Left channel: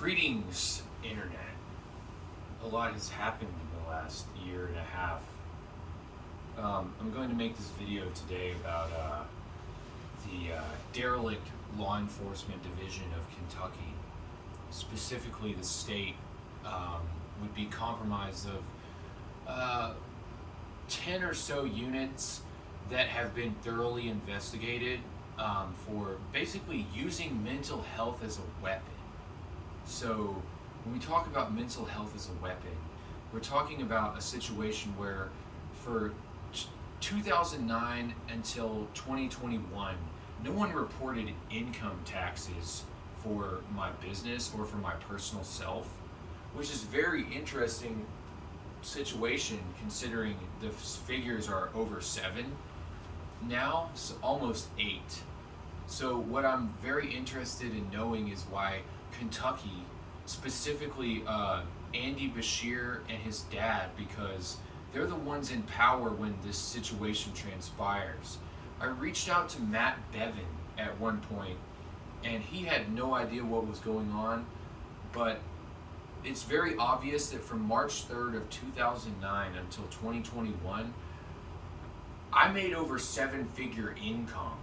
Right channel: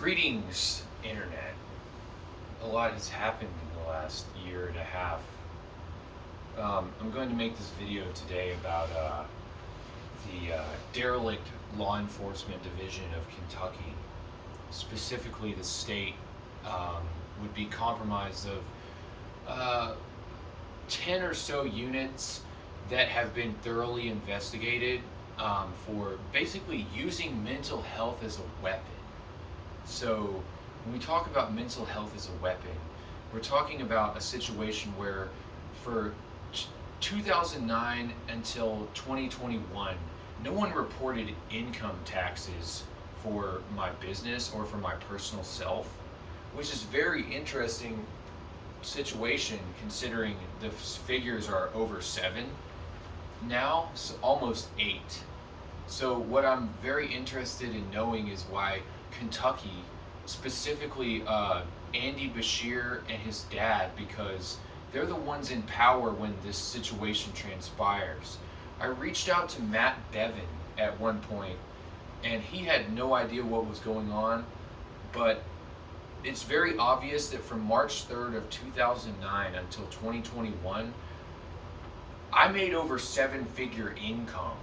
Greetings, Internet. A lot has happened in the last year and a half. I'm going to make this video today about the derelict law enforcement division of Kentucky. Specifically, the state would be comprised of 10 or so units that have been thoroughly investigated for basically using mental health as a weapon. So when we talk about mental health as a weapon, we're talking about a situation where for 2009 until 2021, no one reported income taxes for my business or for my personal self, which is very interesting situation considering the figures are over 7. Now it's almost 8. So what I'm very interested in knowing is why Kentucky, specifically Andy Beshear and his dad, because they're the ones in power when this situation transpires. I reached out to Matt Bevin at one point, and he had no idea what was going on, but it's very obvious that from March 3rd of 2009 until 2021, I made over 7-figure income.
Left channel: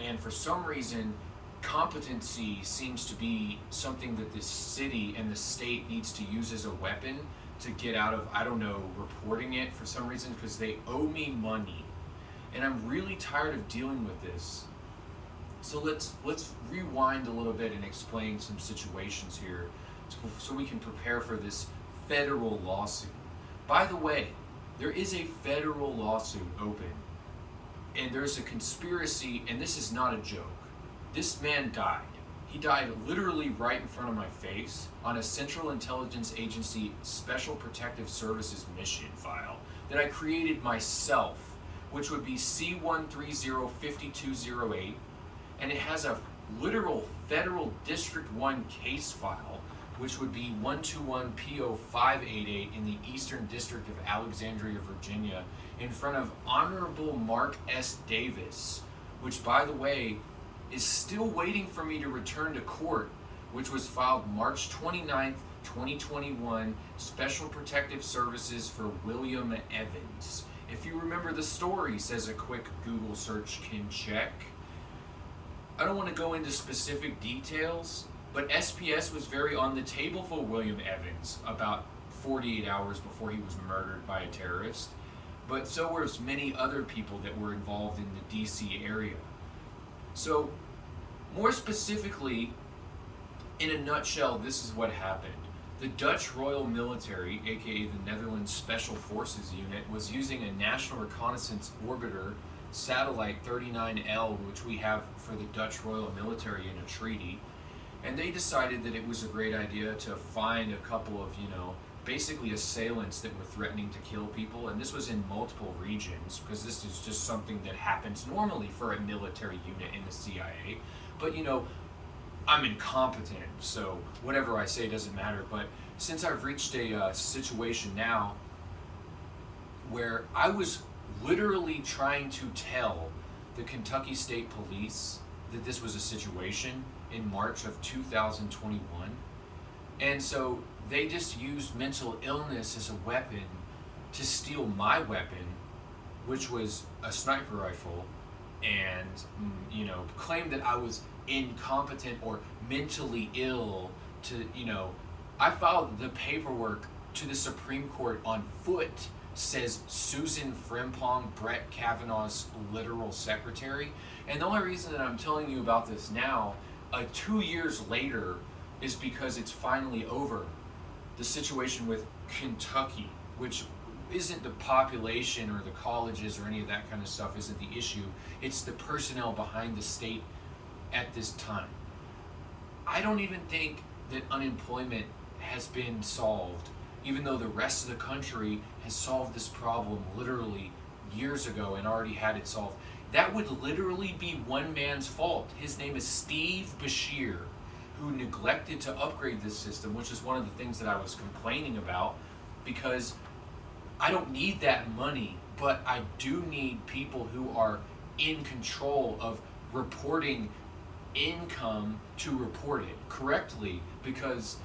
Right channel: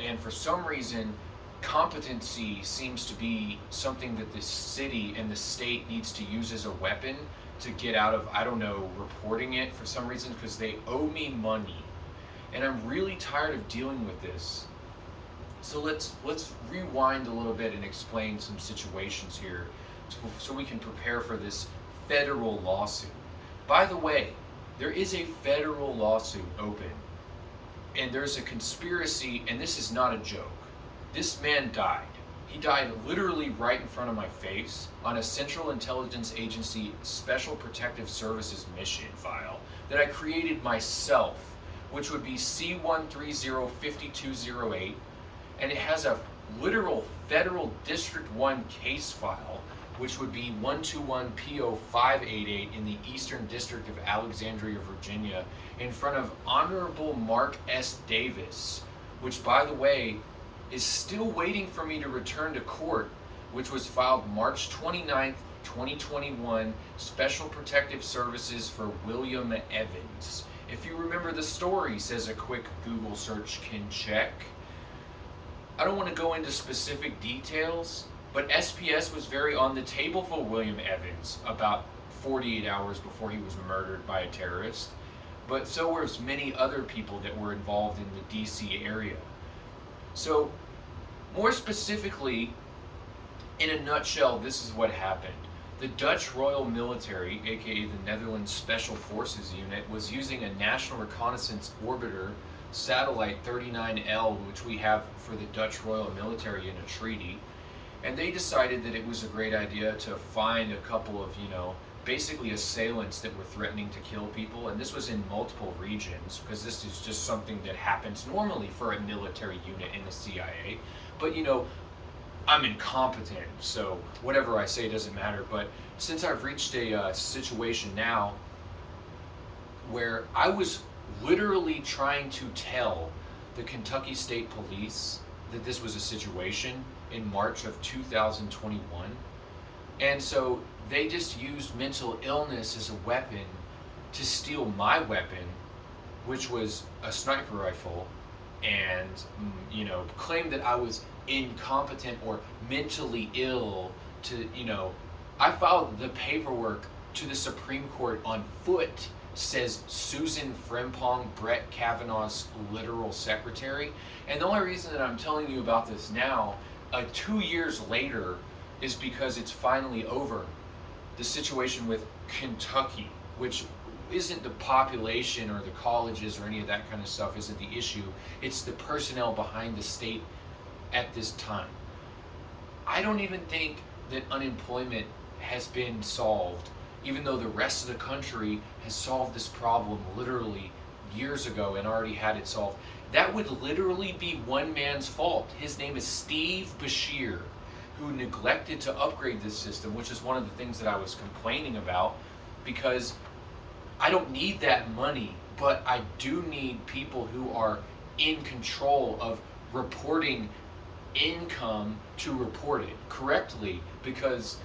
And for some reason, competency seems to be something that this city and the state needs to use as a weapon to get out of, I don't know, reporting it for some reason, because they owe me money. And I'm really tired of dealing with this. So let's rewind a little bit and explain some situations here so we can prepare for this federal lawsuit. By the way, there is a federal lawsuit open, and there's a conspiracy, and this is not a joke. This man died. He died literally right in front of my face on a Central Intelligence Agency Special Protective Services mission file that I created myself, which would be C1305208, and it has a literal federal District 1 case file, which would be 121PO588 in the Eastern District of Alexandria, Virginia, in front of Honorable Mark S. Davis, which, by the way, is still waiting for me to return to court, which was filed March 29th, 2021, Special Protective Services for William Evans. If you remember the story, says a quick Google search can check. I don't want to go into specific details, but SPS was very on the table for William Evans about 48 hours before he was murdered by a terrorist. But so were many other people that were involved in the DC area. So, more specifically, in a nutshell, this is what happened. The Dutch Royal Military, aka the Netherlands Special Forces Unit, was using a National Reconnaissance Orbiter Satellite 39L, which we have for the Dutch Royal Military in a treaty. And they decided that it was a great idea to find a couple of, basically assailants that were threatening to kill people. And this was in multiple regions, because this is just something that happens normally for a military unit in the CIA. But, I'm incompetent, so whatever I say doesn't matter. But since I've reached a situation now where I was literally trying to tell the Kentucky State Police that this was a situation in March of 2021. And so they just used mental illness as a weapon to steal my weapon, which was a sniper rifle, and, claimed that I was incompetent or mentally ill to, I filed the paperwork to the Supreme Court on foot, says Susan Frimpong, Brett Kavanaugh's literal secretary. And the only reason that I'm telling you about this now, 2 years later, is because it's finally over. The situation with Kentucky, which isn't the population or the colleges or any of that kind of stuff, isn't the issue. It's the personnel behind the state at this time. I don't even think that unemployment has been solved, even though the rest of the country has solved this problem literally years ago and already had it solved. That would literally be one man's fault. His name is Steve Beshear, who neglected to upgrade this system, which is one of the things that I was complaining about, because I don't need that money, but I do need people who are in control of reporting income to report it correctly, because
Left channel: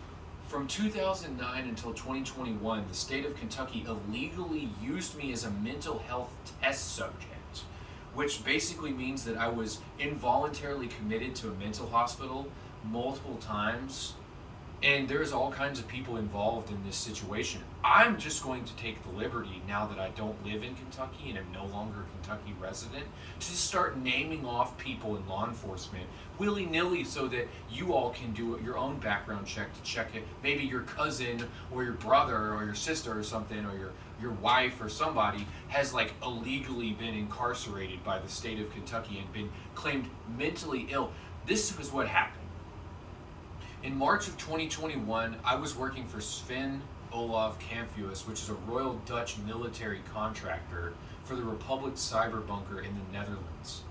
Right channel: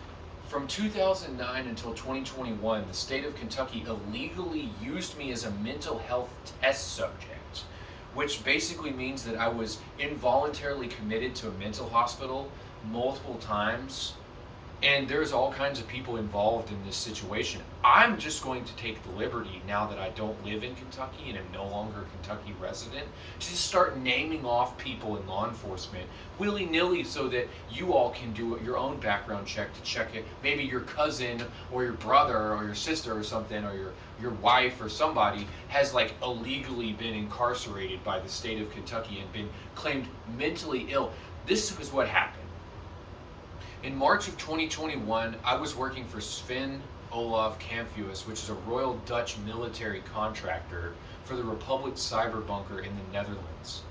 from 2009 until 2021, the state of Kentucky illegally used me as a mental health test subject, which basically means that I was involuntarily committed to a mental hospital multiple times. And there's all kinds of people involved in this situation. I'm just going to take the liberty, now that I don't live in Kentucky and am no longer a Kentucky resident, to just start naming off people in law enforcement willy-nilly, so that you all can do your own background check to check it. Maybe your cousin or your brother or your sister or something, or your wife or somebody has like illegally been incarcerated by the state of Kentucky and been claimed mentally ill. This is what happened. In March of 2021, I was working for Sven Olaf Kamphuis, which is a Royal Dutch military contractor for the Republic Cyber Bunker in the Netherlands.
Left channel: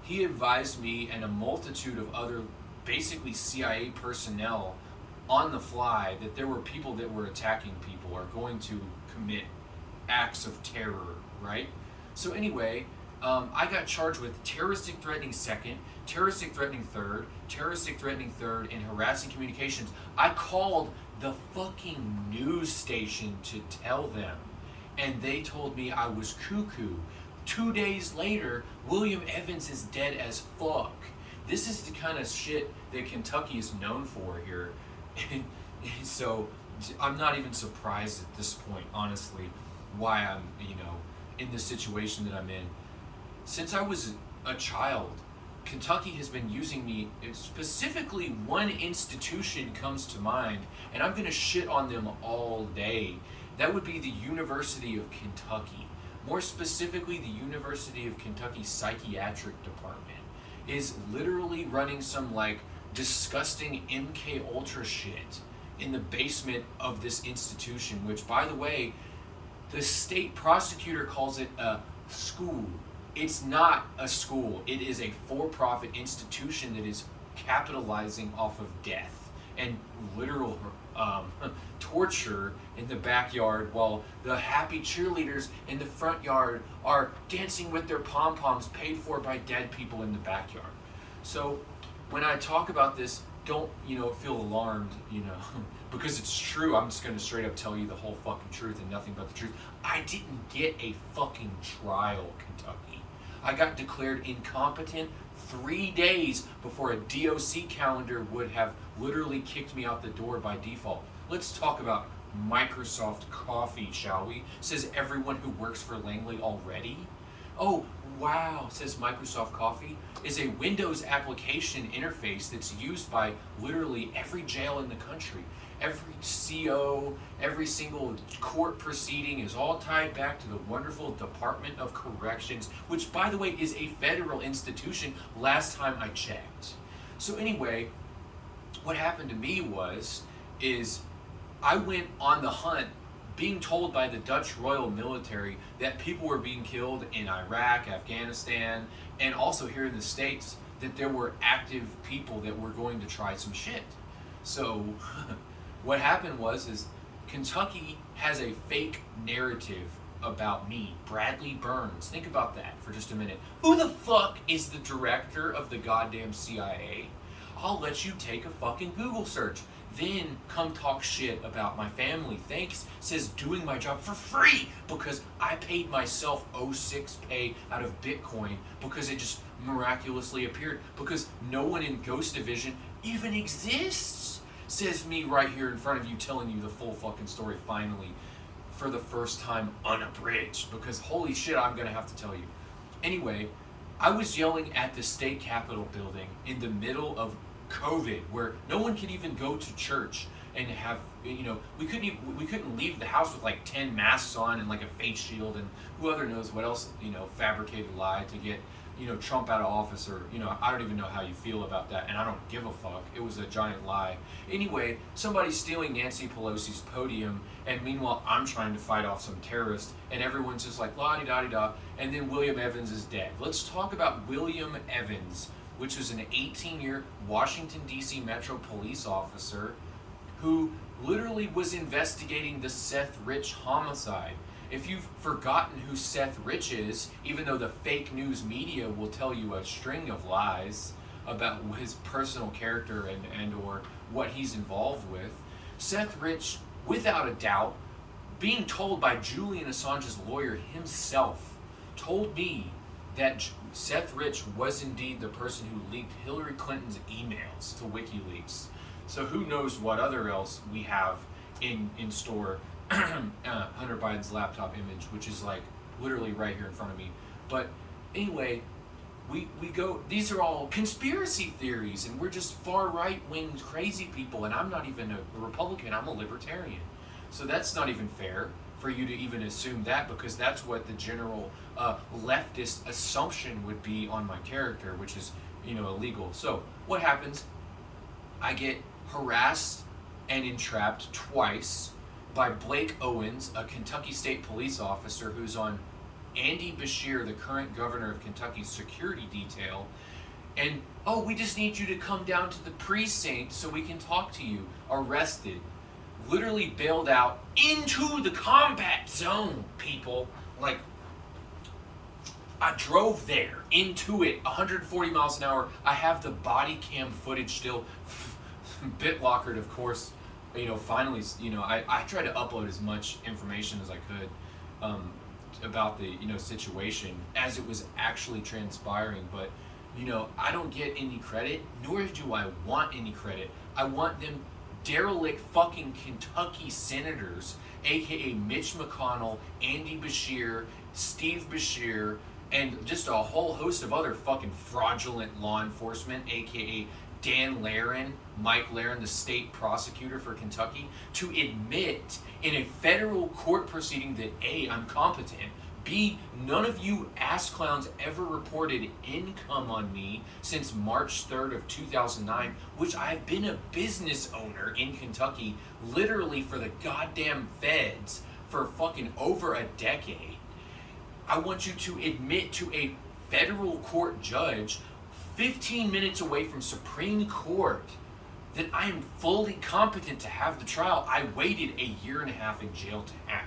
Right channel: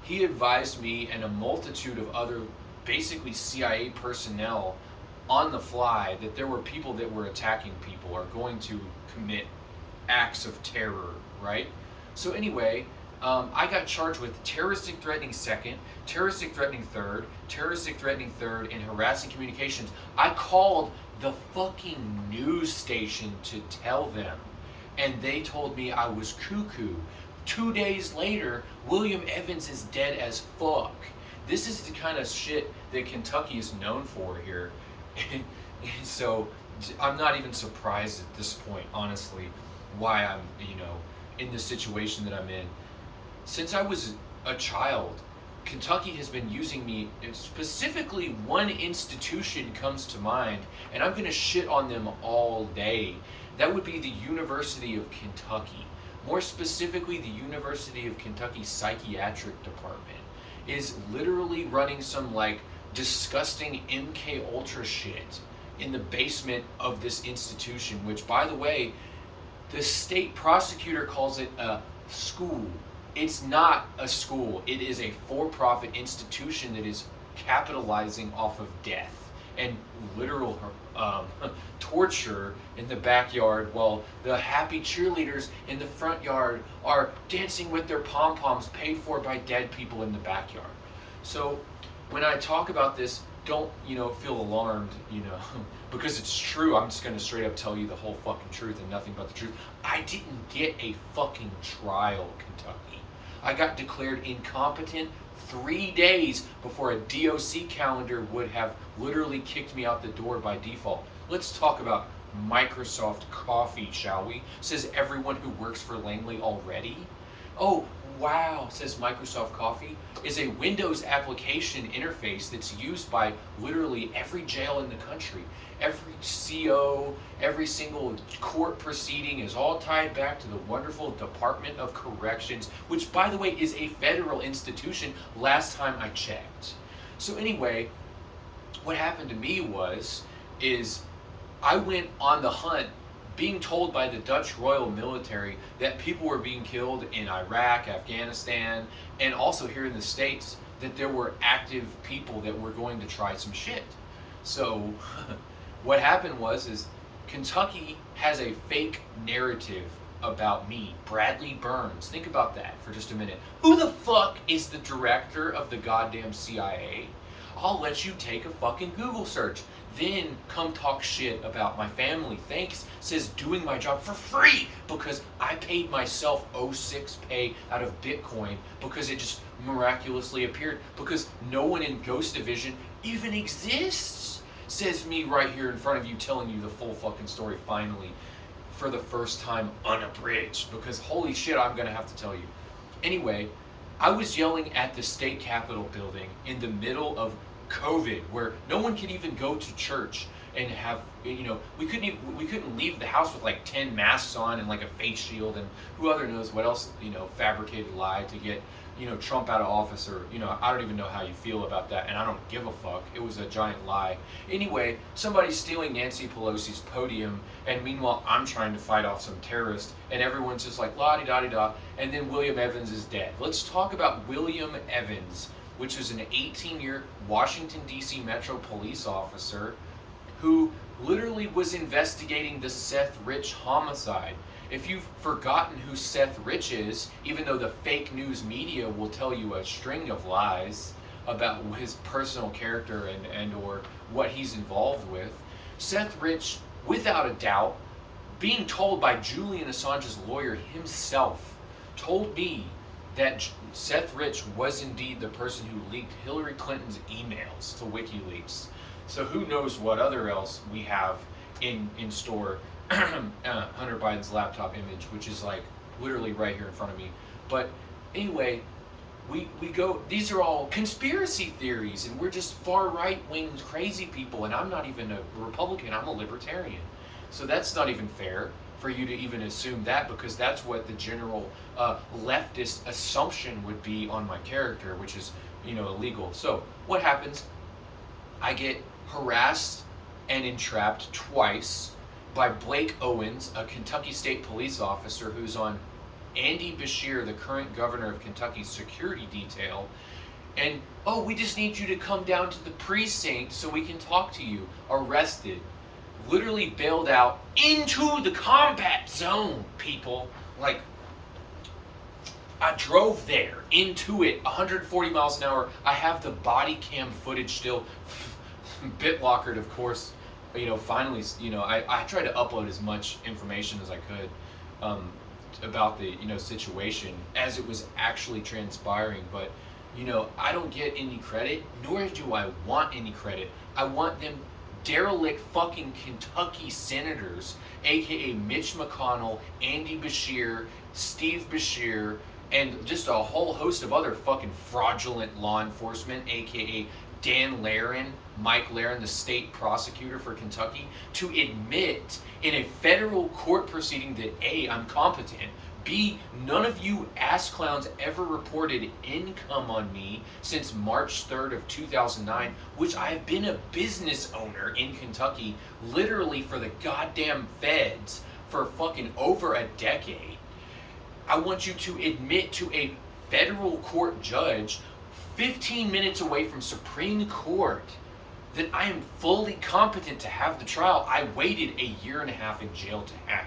He advised me and a multitude of other, basically CIA personnel on the fly, that there were people that were attacking people or going to commit acts of terror, right? So anyway, I got charged with terroristic threatening second, terroristic threatening third, and harassing communications. I called the fucking news station to tell them, and they told me I was cuckoo. 2 days later, William Evans is dead as fuck. This is the kind of shit that Kentucky is known for here. So I'm not even surprised at this point, honestly, why I'm, in the situation that I'm in. Since I was a child, Kentucky has been using me. Specifically, one institution comes to mind, and I'm going to shit on them all day. That would be the University of Kentucky. More specifically, the University of Kentucky Psychiatric Department is literally running some like disgusting MK Ultra shit in the basement of this institution, which, by the way, the state prosecutor calls it a school. It's not a school. It is a for-profit institution that is capitalizing off of death and literal torture in the backyard, while the happy cheerleaders in the front yard are dancing with their pom-poms paid for by dead people in the backyard. So when I talk about this, don't, feel alarmed, because it's true. I'm just going to straight up tell you the whole fucking truth and nothing but the truth. I didn't get a fucking trial, Kentucky. I got declared incompetent 3 days before a DOC calendar would have literally kicked me out the door by default. Let's talk about Microsoft Coffee, shall we? Says everyone who works for Langley already. Oh, wow, says Microsoft Coffee, is a Windows application interface that's used by literally every jail in the country. Every CO, every single court proceeding is all tied back to the wonderful Department of Corrections, which, by the way, is a federal institution last time I checked. So anyway, what happened to me is I went on the hunt, being told by the Dutch Royal Military that people were being killed in Iraq, Afghanistan, and also here in the States, that there were active people that were going to try some shit. So what happened is Kentucky has a fake narrative about me, Bradley Burns. Think about that for just a minute. Who the fuck is the director of the goddamn CIA? I'll let you take a fucking Google search. Then come talk shit about my family. Thanks, says doing my job for free because I paid myself 06 pay out of Bitcoin because it just miraculously appeared, because no one in Ghost Division even exists. Says me right here in front of you, telling you the full fucking story finally for the first time unabridged, because holy shit, I'm gonna have to tell you. Anyway, I was yelling at the state capitol building in the middle of COVID, where no one could even go to church and have, we couldn't leave the house with like 10 masks on and like a face shield and who other knows what else, fabricated lie to get, Trump out of office, or, I don't even know how you feel about that, and I don't give a fuck. It was a giant lie. Anyway, somebody's stealing Nancy Pelosi's podium, and meanwhile I'm trying to fight off some terrorist, and everyone's just like la-di-da-di-da, and then William Evans is dead. Let's talk about William Evans, which is an 18-year Washington, D.C. Metro police officer who literally was investigating the Seth Rich homicide. If you've forgotten who Seth Rich is, even though the fake news media will tell you a string of lies, about his personal character and or what he's involved with. Seth Rich, without a doubt, being told by Julian Assange's lawyer himself, told me that Seth Rich was indeed the person who leaked Hillary Clinton's emails to WikiLeaks. So who knows what other else we have in store. Hunter Biden's laptop image, which is like literally right here in front of me. But anyway, we go, these are all conspiracy theories, and we're just far right wing crazy people, and I'm not even a Republican, I'm a libertarian. So that's not even fair for you to even assume that, because that's what the general leftist assumption would be on my character, which is, illegal. So what happens? I get harassed and entrapped twice by Blake Owens, a Kentucky State police officer who's on Andy Beshear, the current governor of Kentucky's security detail. And, oh, we just need you to come down to the precinct so we can talk to you. Arrested. Literally bailed out into the combat zone, people. Like, I drove there, into it, 140 miles an hour. I have the body cam footage still. BitLockered, of course. Finally, I tried to upload as much information as I could about the, situation as it was actually transpiring. But, I don't get any credit, nor do I want any credit. I want them derelict fucking Kentucky senators, aka Mitch McConnell, Andy Beshear, Steve Beshear, and just a whole host of other fucking fraudulent law enforcement, aka Dan Laren, Mike Laren, the state prosecutor for Kentucky, to admit in a federal court proceeding that A, I'm competent, B, none of you ass clowns ever reported income on me since March 3rd of 2009, which I have been a business owner in Kentucky literally for the goddamn feds for fucking over a decade. I want you to admit to a federal court judge 15 minutes away from Supreme Court that I am fully competent to have the trial I waited a year and a half in jail to have,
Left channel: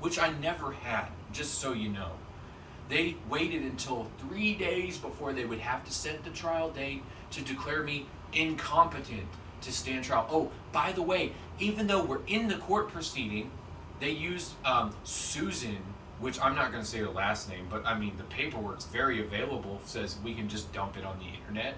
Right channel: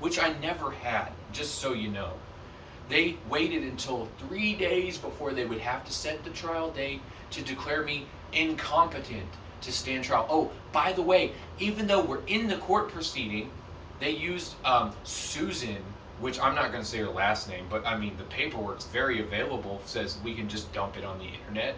which I never had, just so you know. They waited until 3 days before they would have to set the trial date to declare me incompetent to stand trial. Oh, by the way, even though we're in the court proceeding, they used Susan, which I'm not going to say her last name, but I mean the paperwork's very available, says we can just dump it on the internet,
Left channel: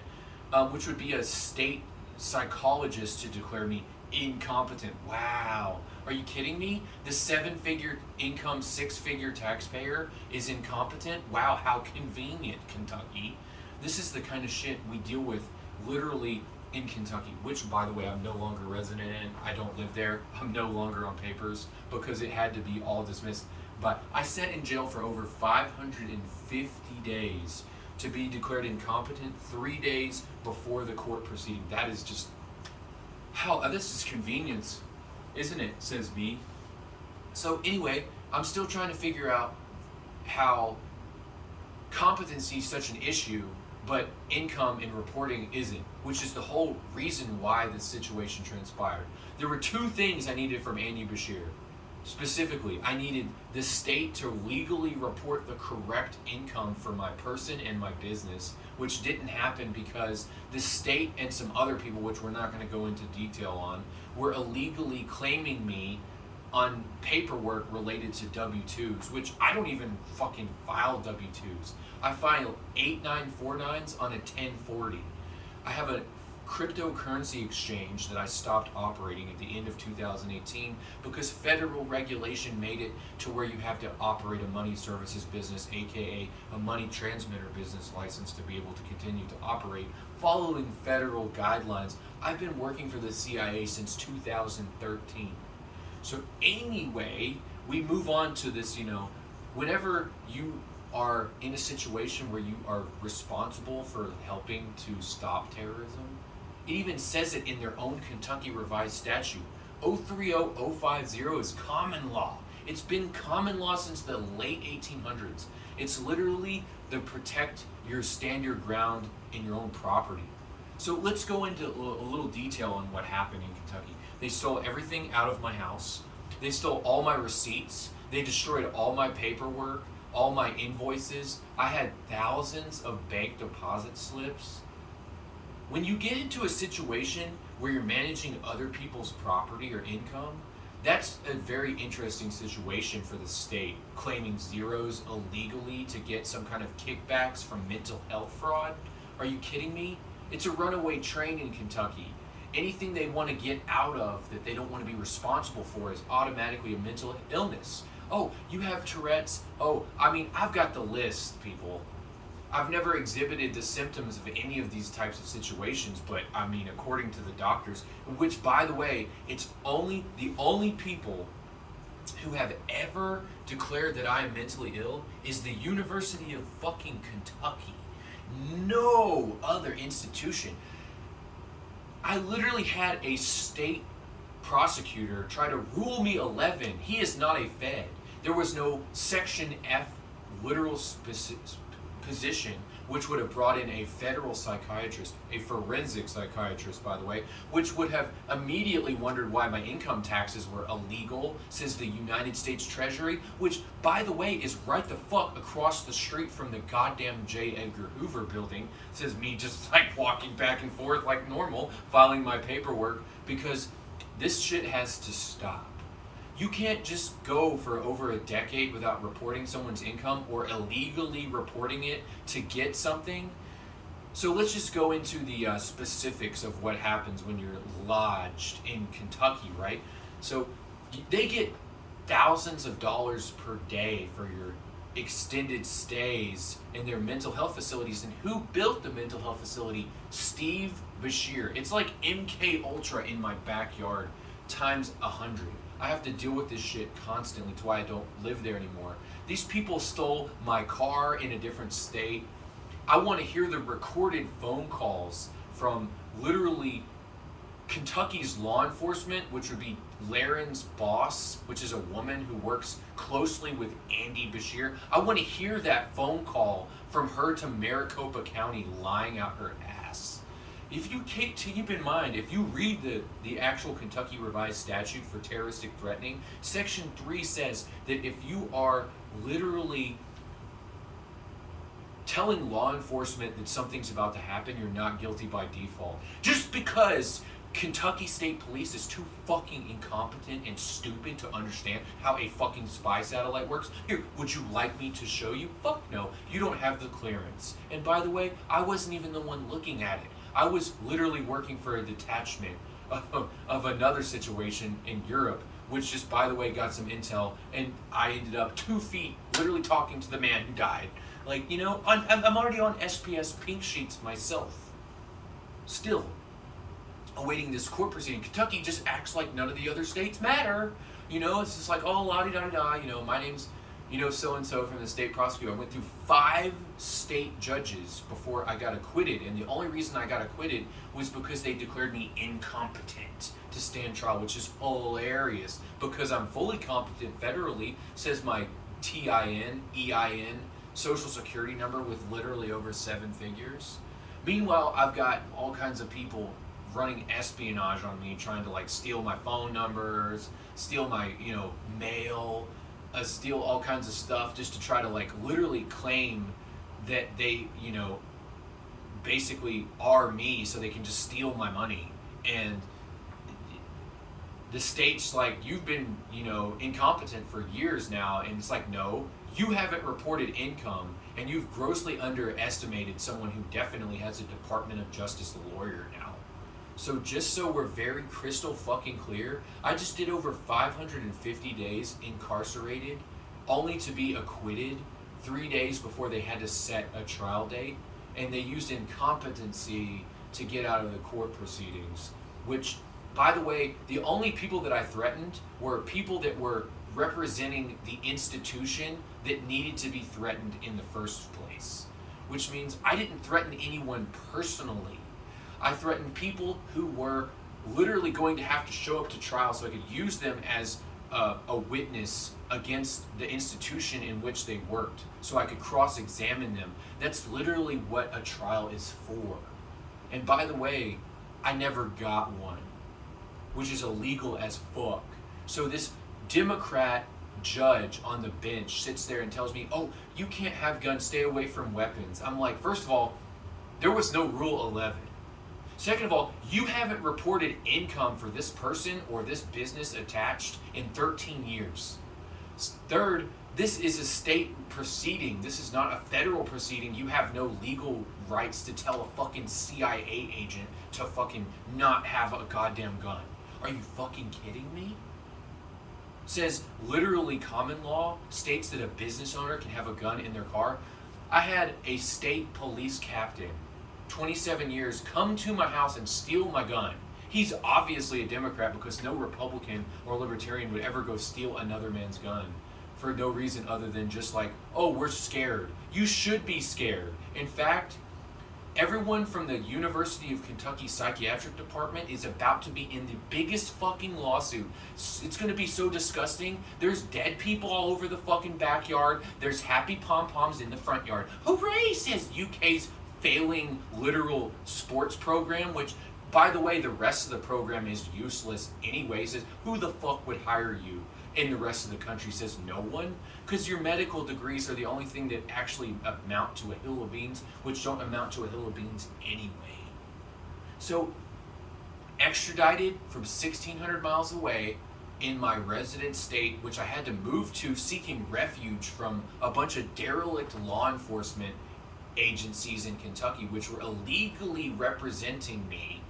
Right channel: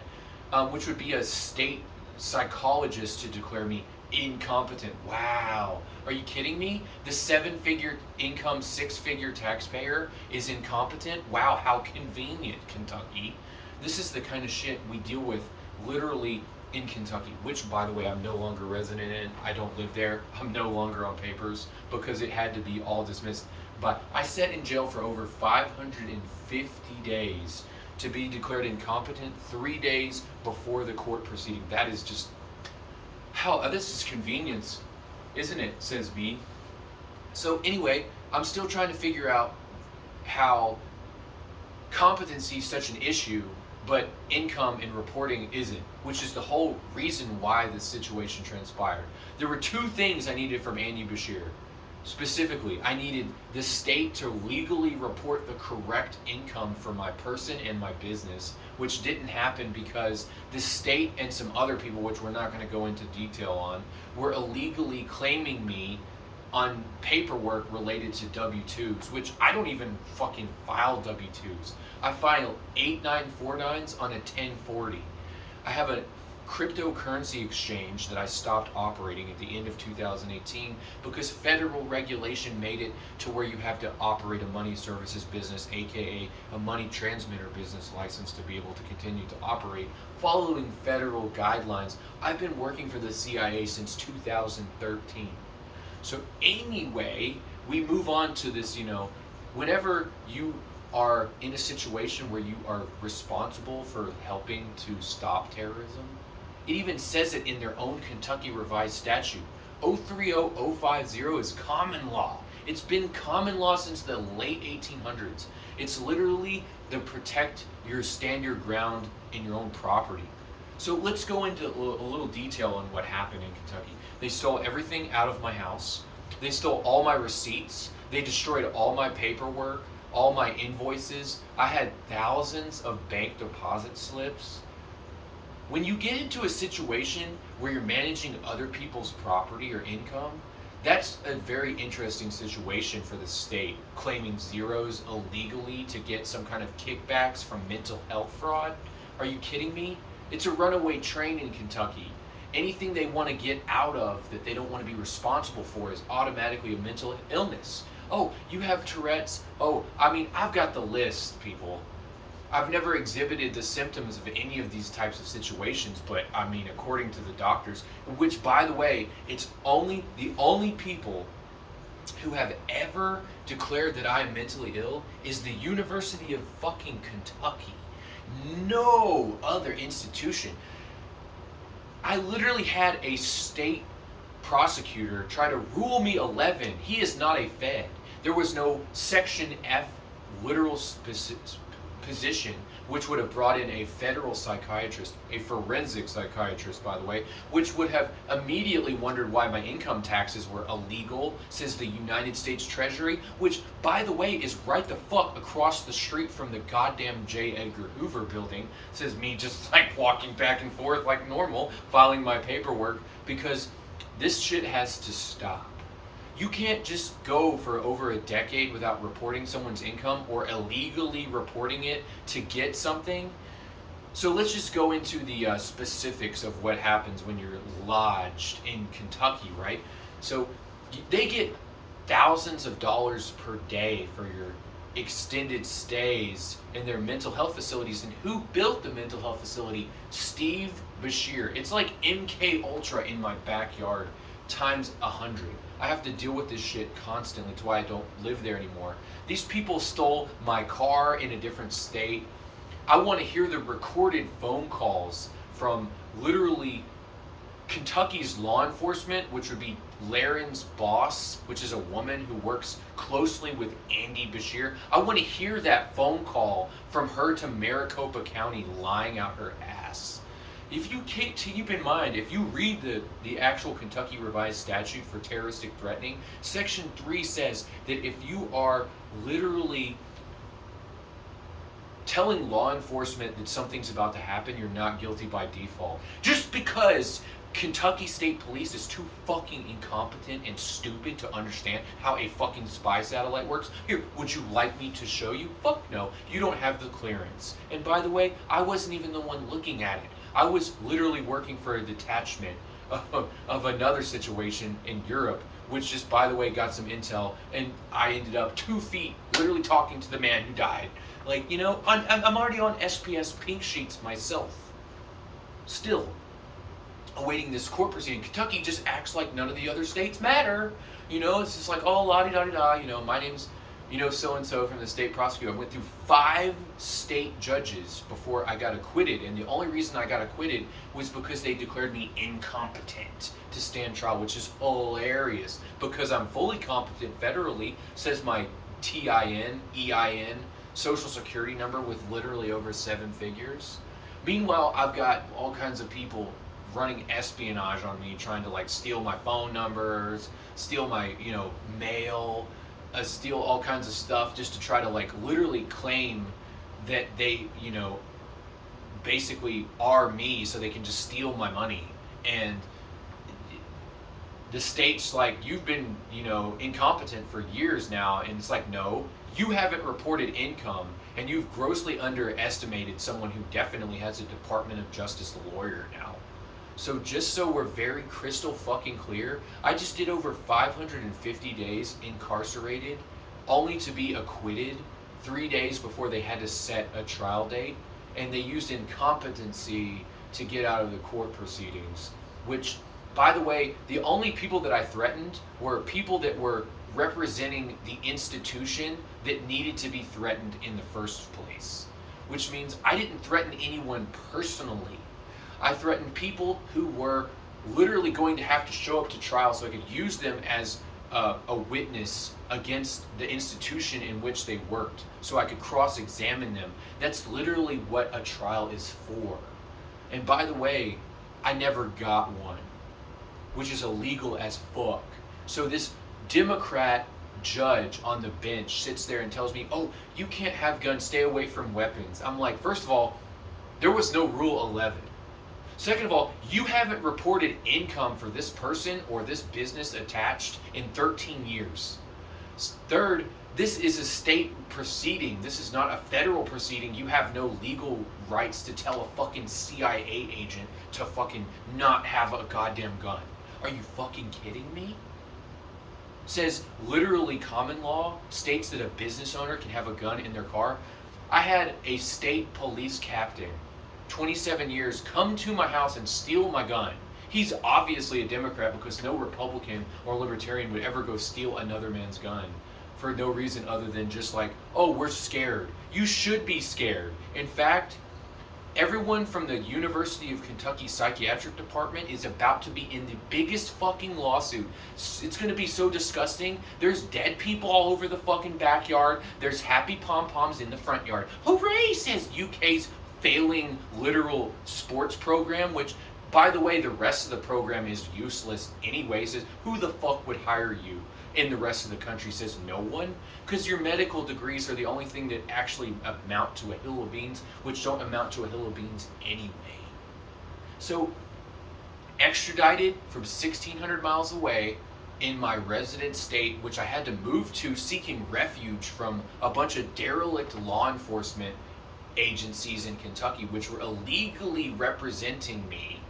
which would be a state psychologist to declare me incompetent. Wow. Are you kidding me? The 7-figure income, 6-figure taxpayer is incompetent? Wow, how convenient, Kentucky. This is the kind of shit we deal with literally in Kentucky, which, by the way, I'm no longer resident in. I don't live there. I'm no longer on papers because it had to be all dismissed. But I sat in jail for over 550 days to be declared incompetent 3 days before the court proceeding. That is just how, this is convenience, isn't it, says me. So anyway, I'm still trying to figure out how competency is such an issue, but income and reporting isn't, which is the whole reason why this situation transpired. There were 2 things I needed from Andy Beshear. Specifically, I needed the state to legally report the correct income for my person and my business, which didn't happen because the state and some other people, which we're not going to go into detail on, were illegally claiming me on paperwork related to W-2s, which I don't even fucking file W-2s. I file 8949s on a 1040. I have a cryptocurrency exchange that I stopped operating at the end of 2018 because federal regulation made it to where you have to operate a money services business, aka a money transmitter business license, to be able to continue to operate following federal guidelines. I've been working for the CIA since 2013. So anyway, we move on to this, whenever you are in a situation where you are responsible for helping to stop terrorism, it even says it in their own Kentucky revised statute. 030050 is common law. It's been common law since the late 1800s. It's literally the protect your stand your ground in your own property. So let's go into a little detail on what happened in Kentucky. They stole everything out of my house. They stole all my receipts. They destroyed all my paperwork, all my invoices. I had thousands of bank deposit slips. When you get into a situation where you're managing other people's property or income, that's a very interesting situation for the state, claiming zeros illegally to get some kind of kickbacks from mental health fraud. Are you kidding me? It's a runaway train in Kentucky. Anything they want to get out of that they don't want to be responsible for is automatically a mental illness. Oh, you have Tourette's? Oh, I mean, I've got the list, people. I've never exhibited the symptoms of any of these types of situations, but I mean, according to the doctors, which, by the way, it's the only people who have ever declared that I am mentally ill is the University of fucking Kentucky. No other institution. I literally had a state prosecutor try to rule me 11. He is not a Fed. There was no Section F literal position, which would have brought in a federal psychiatrist, a forensic psychiatrist, by the way, which would have immediately wondered why my income taxes were illegal, says the United States Treasury, which, by the way, is right the fuck across the street from the goddamn J. Edgar Hoover building, says me just like walking back and forth like normal, filing my paperwork, because this shit has to stop. You can't just go for over a decade without reporting someone's income or illegally reporting it to get something. So let's just go into the specifics of what happens when you're lodged in Kentucky, right? So they get thousands of dollars per day for your extended stays in their mental health facilities. And who built the mental health facility? Steve Beshear. It's like MK Ultra in my backyard times 100. I have to deal with this shit constantly. It's why I don't live there anymore. These people stole my car in a different state. I want to hear the recorded phone calls from literally Kentucky's law enforcement, which would be Laren's boss, which is a woman who works closely with Andy Beshear. I want to hear that phone call from her to Maricopa County lying out her ass. If you keep in mind, if you read the actual Kentucky Revised Statute for terroristic threatening, Section 3 says that if you are literally telling law enforcement that something's about to happen, you're not guilty by default. Just because Kentucky State Police is too fucking incompetent and stupid to understand how a fucking spy satellite works. Here, would you like me to show you? Fuck no, you don't have the clearance. And by the way, I wasn't even the one looking at it. I was literally working for a detachment of another situation in Europe, which just, by the way, got some intel, and I ended up 2 feet literally talking to the man who died. Like, you know, I'm already on SPS pink sheets myself. Still awaiting this court proceeding. Kentucky just acts like none of the other states matter. You know, it's just like, oh, la-di-da-di-da, you know, my name's, you know, so-and-so from the state prosecutor. I went through 5 state judges before I got acquitted, and the only reason I got acquitted was because they declared me incompetent to stand trial, which is hilarious, because I'm fully competent federally, says my TIN, EIN, social security number with literally over 7 figures. Meanwhile, I've got all kinds of people running espionage on me, trying to like steal my phone numbers, steal my, you know, mail, steal all kinds of stuff just to try to like literally claim that they, you know, basically are me so they can just steal my money. And the state's like, you've been, you know, incompetent for years now. And it's like, no, you haven't reported income, and you've grossly underestimated someone who definitely has a Department of Justice lawyer now. So just so we're very crystal fucking clear, I just did over 550 days incarcerated, only to be acquitted 3 days before they had to set a trial date. And they used incompetency to get out of the court proceedings, which, by the way, the only people that I threatened were people that were representing the institution that needed to be threatened in the first place, which means I didn't threaten anyone personally. I threatened people who were literally going to have to show up to trial so I could use them as a witness against the institution in which they worked, so I could cross-examine them. That's literally what a trial is for. And by the way, I never got one, which is illegal as fuck. So this Democrat judge on the bench sits there and tells me, oh, you can't have guns, stay away from weapons. I'm like, first of all, there was no Rule 11. Second of all, you haven't reported income for this person or this business attached in 13 years. Third, this is a state proceeding. This is not a federal proceeding. You have no legal rights to tell a fucking CIA agent to fucking not have a goddamn gun. Are you fucking kidding me? Says literally common law states that a business owner can have a gun in their car. I had a state police captain, 27 years, come to my house and steal my gun. He's obviously a Democrat because no Republican or Libertarian would ever go steal another man's gun for no reason other than just like, oh, we're scared. You should be scared. In fact, everyone from the University of Kentucky Psychiatric Department is about to be in the biggest fucking lawsuit. It's going to be so disgusting. There's dead people all over the fucking backyard. There's happy pom-poms in the front yard. Hooray, says UK's failing literal sports program, which, by the way, the rest of the program is useless anyway. Says, who the fuck would hire you? In the rest of the country says no one, because your medical degrees are the only thing that actually amount to a hill of beans, which don't amount to a hill of beans anyway. So, extradited from 1,600 miles away in my resident state, which I had to move to seeking refuge from a bunch of derelict law enforcement agencies in Kentucky, which were illegally representing me.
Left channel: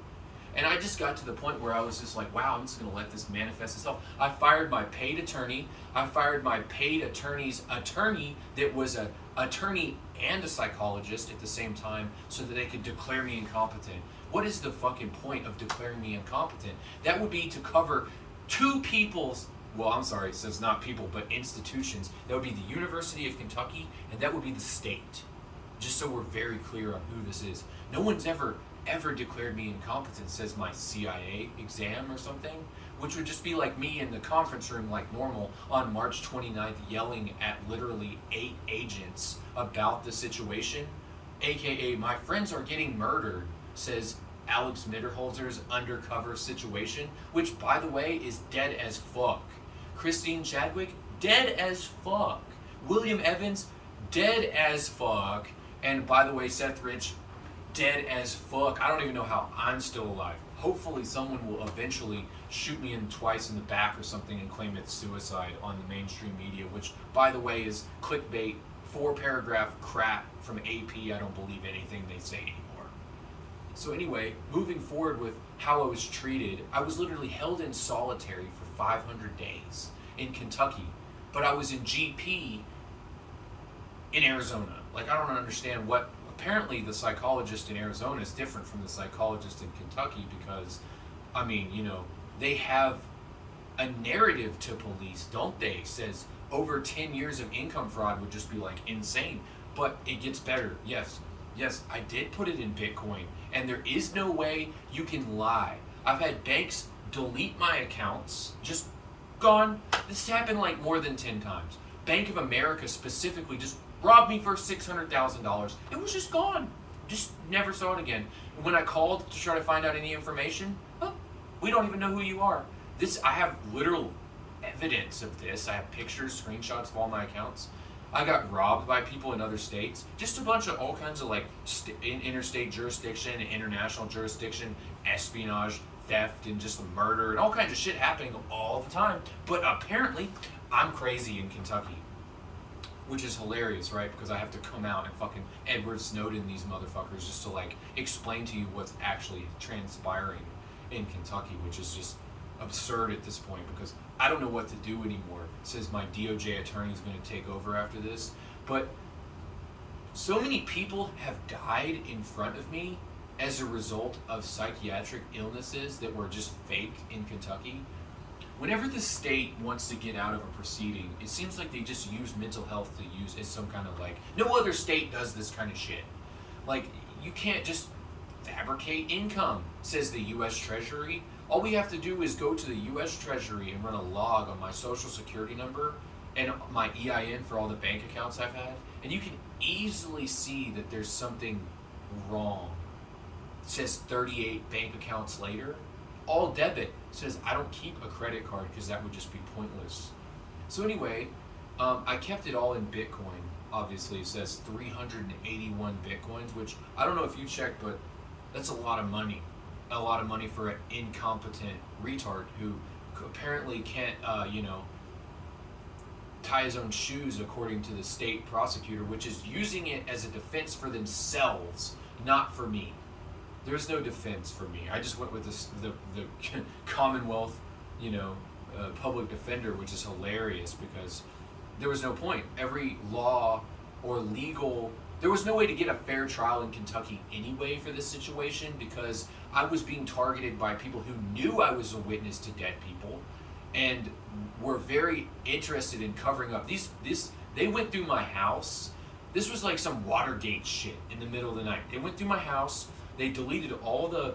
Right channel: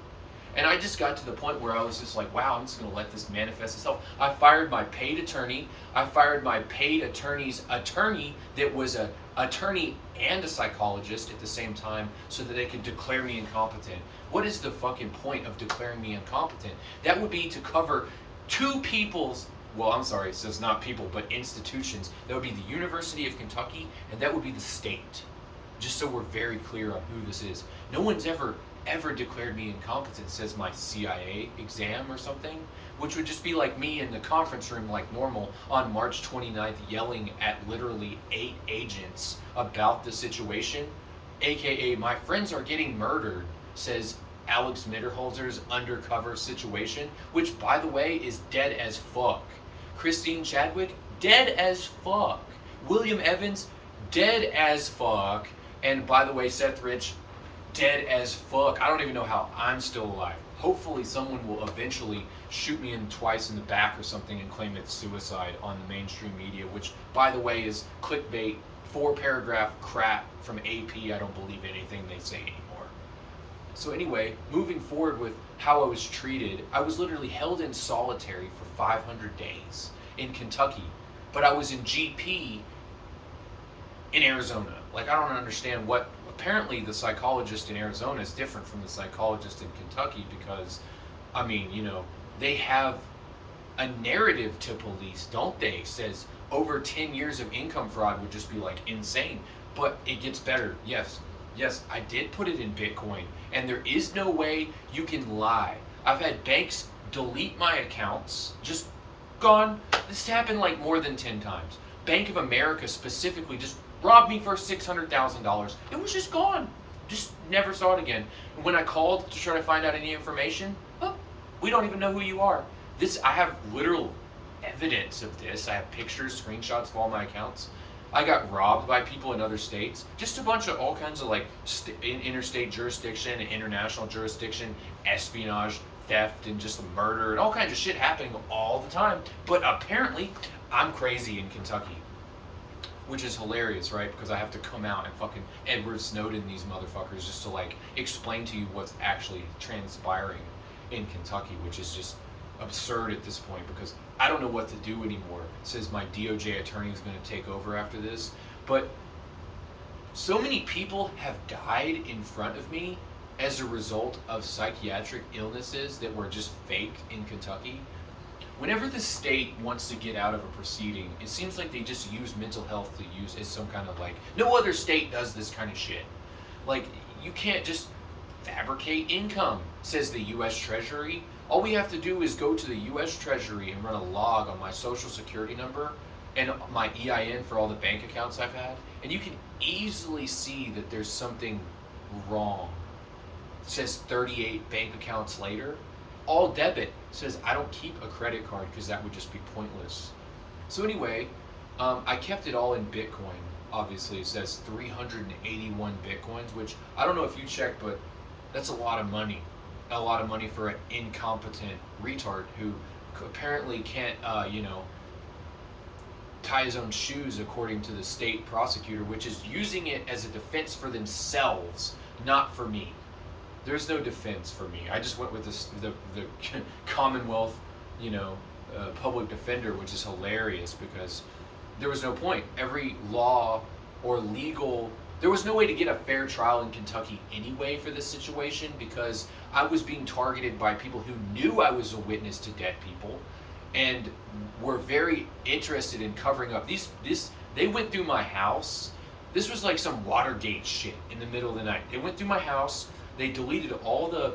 And I just got to the point where I was just like, wow, I'm just going to let this manifest itself. I fired my paid attorney. I fired my paid attorney's attorney that was an attorney and a psychologist at the same time so that they could declare me incompetent. What is the fucking point of declaring me incompetent? That would be to cover two people's, well, I'm sorry, so it's not people, but institutions. That would be the University of Kentucky, and that would be the state. Just so we're very clear on who this is. No one's ever declared me incompetent, says my CIA exam or something, which would just be like me in the conference room like normal on March 29th yelling at literally 8 agents about the situation, aka my friends are getting murdered, says Alex Mitterholzer's undercover situation, which by the way is dead as fuck. Christine Chadwick, dead as fuck. William Evans, dead as fuck. And by the way, Seth Rich, dead as fuck. I don't even know how I'm still alive. Hopefully someone will eventually shoot me in twice in the back or something and claim it's suicide on the mainstream media, which, by the way, is clickbait, 4-paragraph crap from AP. I don't believe anything they say anymore. So anyway, moving forward with how I was treated, I was literally held in solitary for 500 days in Kentucky, but I was in GP in Arizona. Like, I don't understand what. Apparently the psychologist in Arizona is different from the psychologist in Kentucky because, I mean, you know, they have a narrative to police, don't they? Says over 10 years of income fraud would just be like insane. But it gets better. Yes, I did put it in Bitcoin, and there is no way you can lie. I've had banks delete my accounts, just gone. This happened like more than 10 times. Bank of America specifically just robbed me for $600,000. It was just gone. Just never saw it again. And when I called to try to find out any information, oh, we don't even know who you are. I have literal evidence of this. I have pictures, screenshots of all my accounts. I got robbed by people in other states. Just a bunch of all kinds of like interstate jurisdiction, international jurisdiction, espionage, theft, and just murder, and all kinds of shit happening all the time. But apparently, I'm crazy in Kentucky. Which is hilarious, right? Because I have to come out and fucking Edward Snowden these motherfuckers just to like explain to you what's actually transpiring in Kentucky, which is just absurd at this point because I don't know what to do anymore. It says my DOJ attorney is going to take over after this. But so many people have died in front of me as a result of psychiatric illnesses that were just faked in Kentucky. Whenever the state wants to get out of a proceeding, it seems like they just use mental health to use as some kind of like, no other state does this kind of shit. Like, you can't just fabricate income, says the U.S. Treasury. All we have to do is go to the U.S. Treasury and run a log on my social security number and my EIN for all the bank accounts I've had, and you can easily see that there's something wrong. It says 38 bank accounts later. All debit. Says I don't keep a credit card because that would just be pointless. So anyway, I kept it all in Bitcoin. Obviously, it says 381 Bitcoins, which I don't know if you checked, but that's a lot of money. a lot of money for an incompetent retard who apparently can't, tie his own shoes according to the state prosecutor, which is using it as a defense for themselves, not for me. There's no defense for me. I just went with the Commonwealth, public defender, which is hilarious because there was no point. Every law or legal, there was no way to get a fair trial in Kentucky anyway for this situation because I was being targeted by people who knew I was a witness to dead people and were very interested in covering up they went through my house. This was like some Watergate shit in the middle of the night. They went through my house. They deleted all the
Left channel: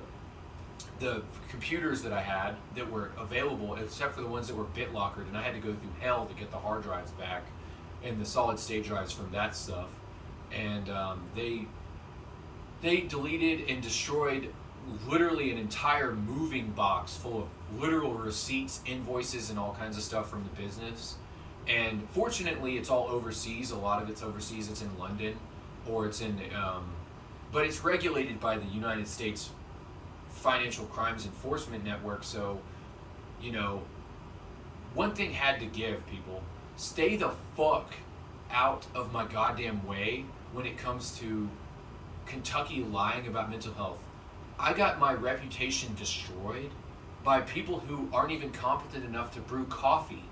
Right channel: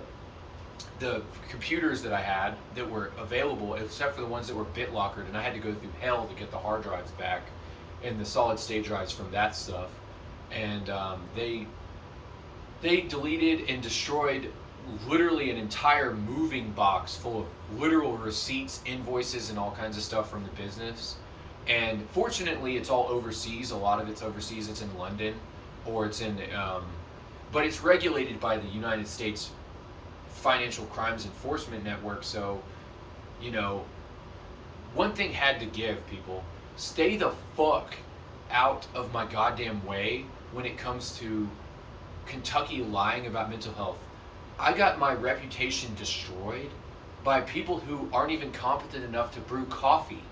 computers that I had that were available, except for the ones that were BitLockered, and I had to go through hell to get the hard drives back and the solid state drives from that stuff. And they deleted and destroyed literally an entire moving box full of literal receipts, invoices, and all kinds of stuff from the business. And fortunately, it's all overseas. A lot of it's overseas. It's in London, or it's in, but it's regulated by the United States Financial Crimes Enforcement Network. So, one thing had to give, people. Stay the fuck out of my goddamn way when it comes to Kentucky lying about mental health. I got my reputation destroyed by people who aren't even competent enough to brew coffee,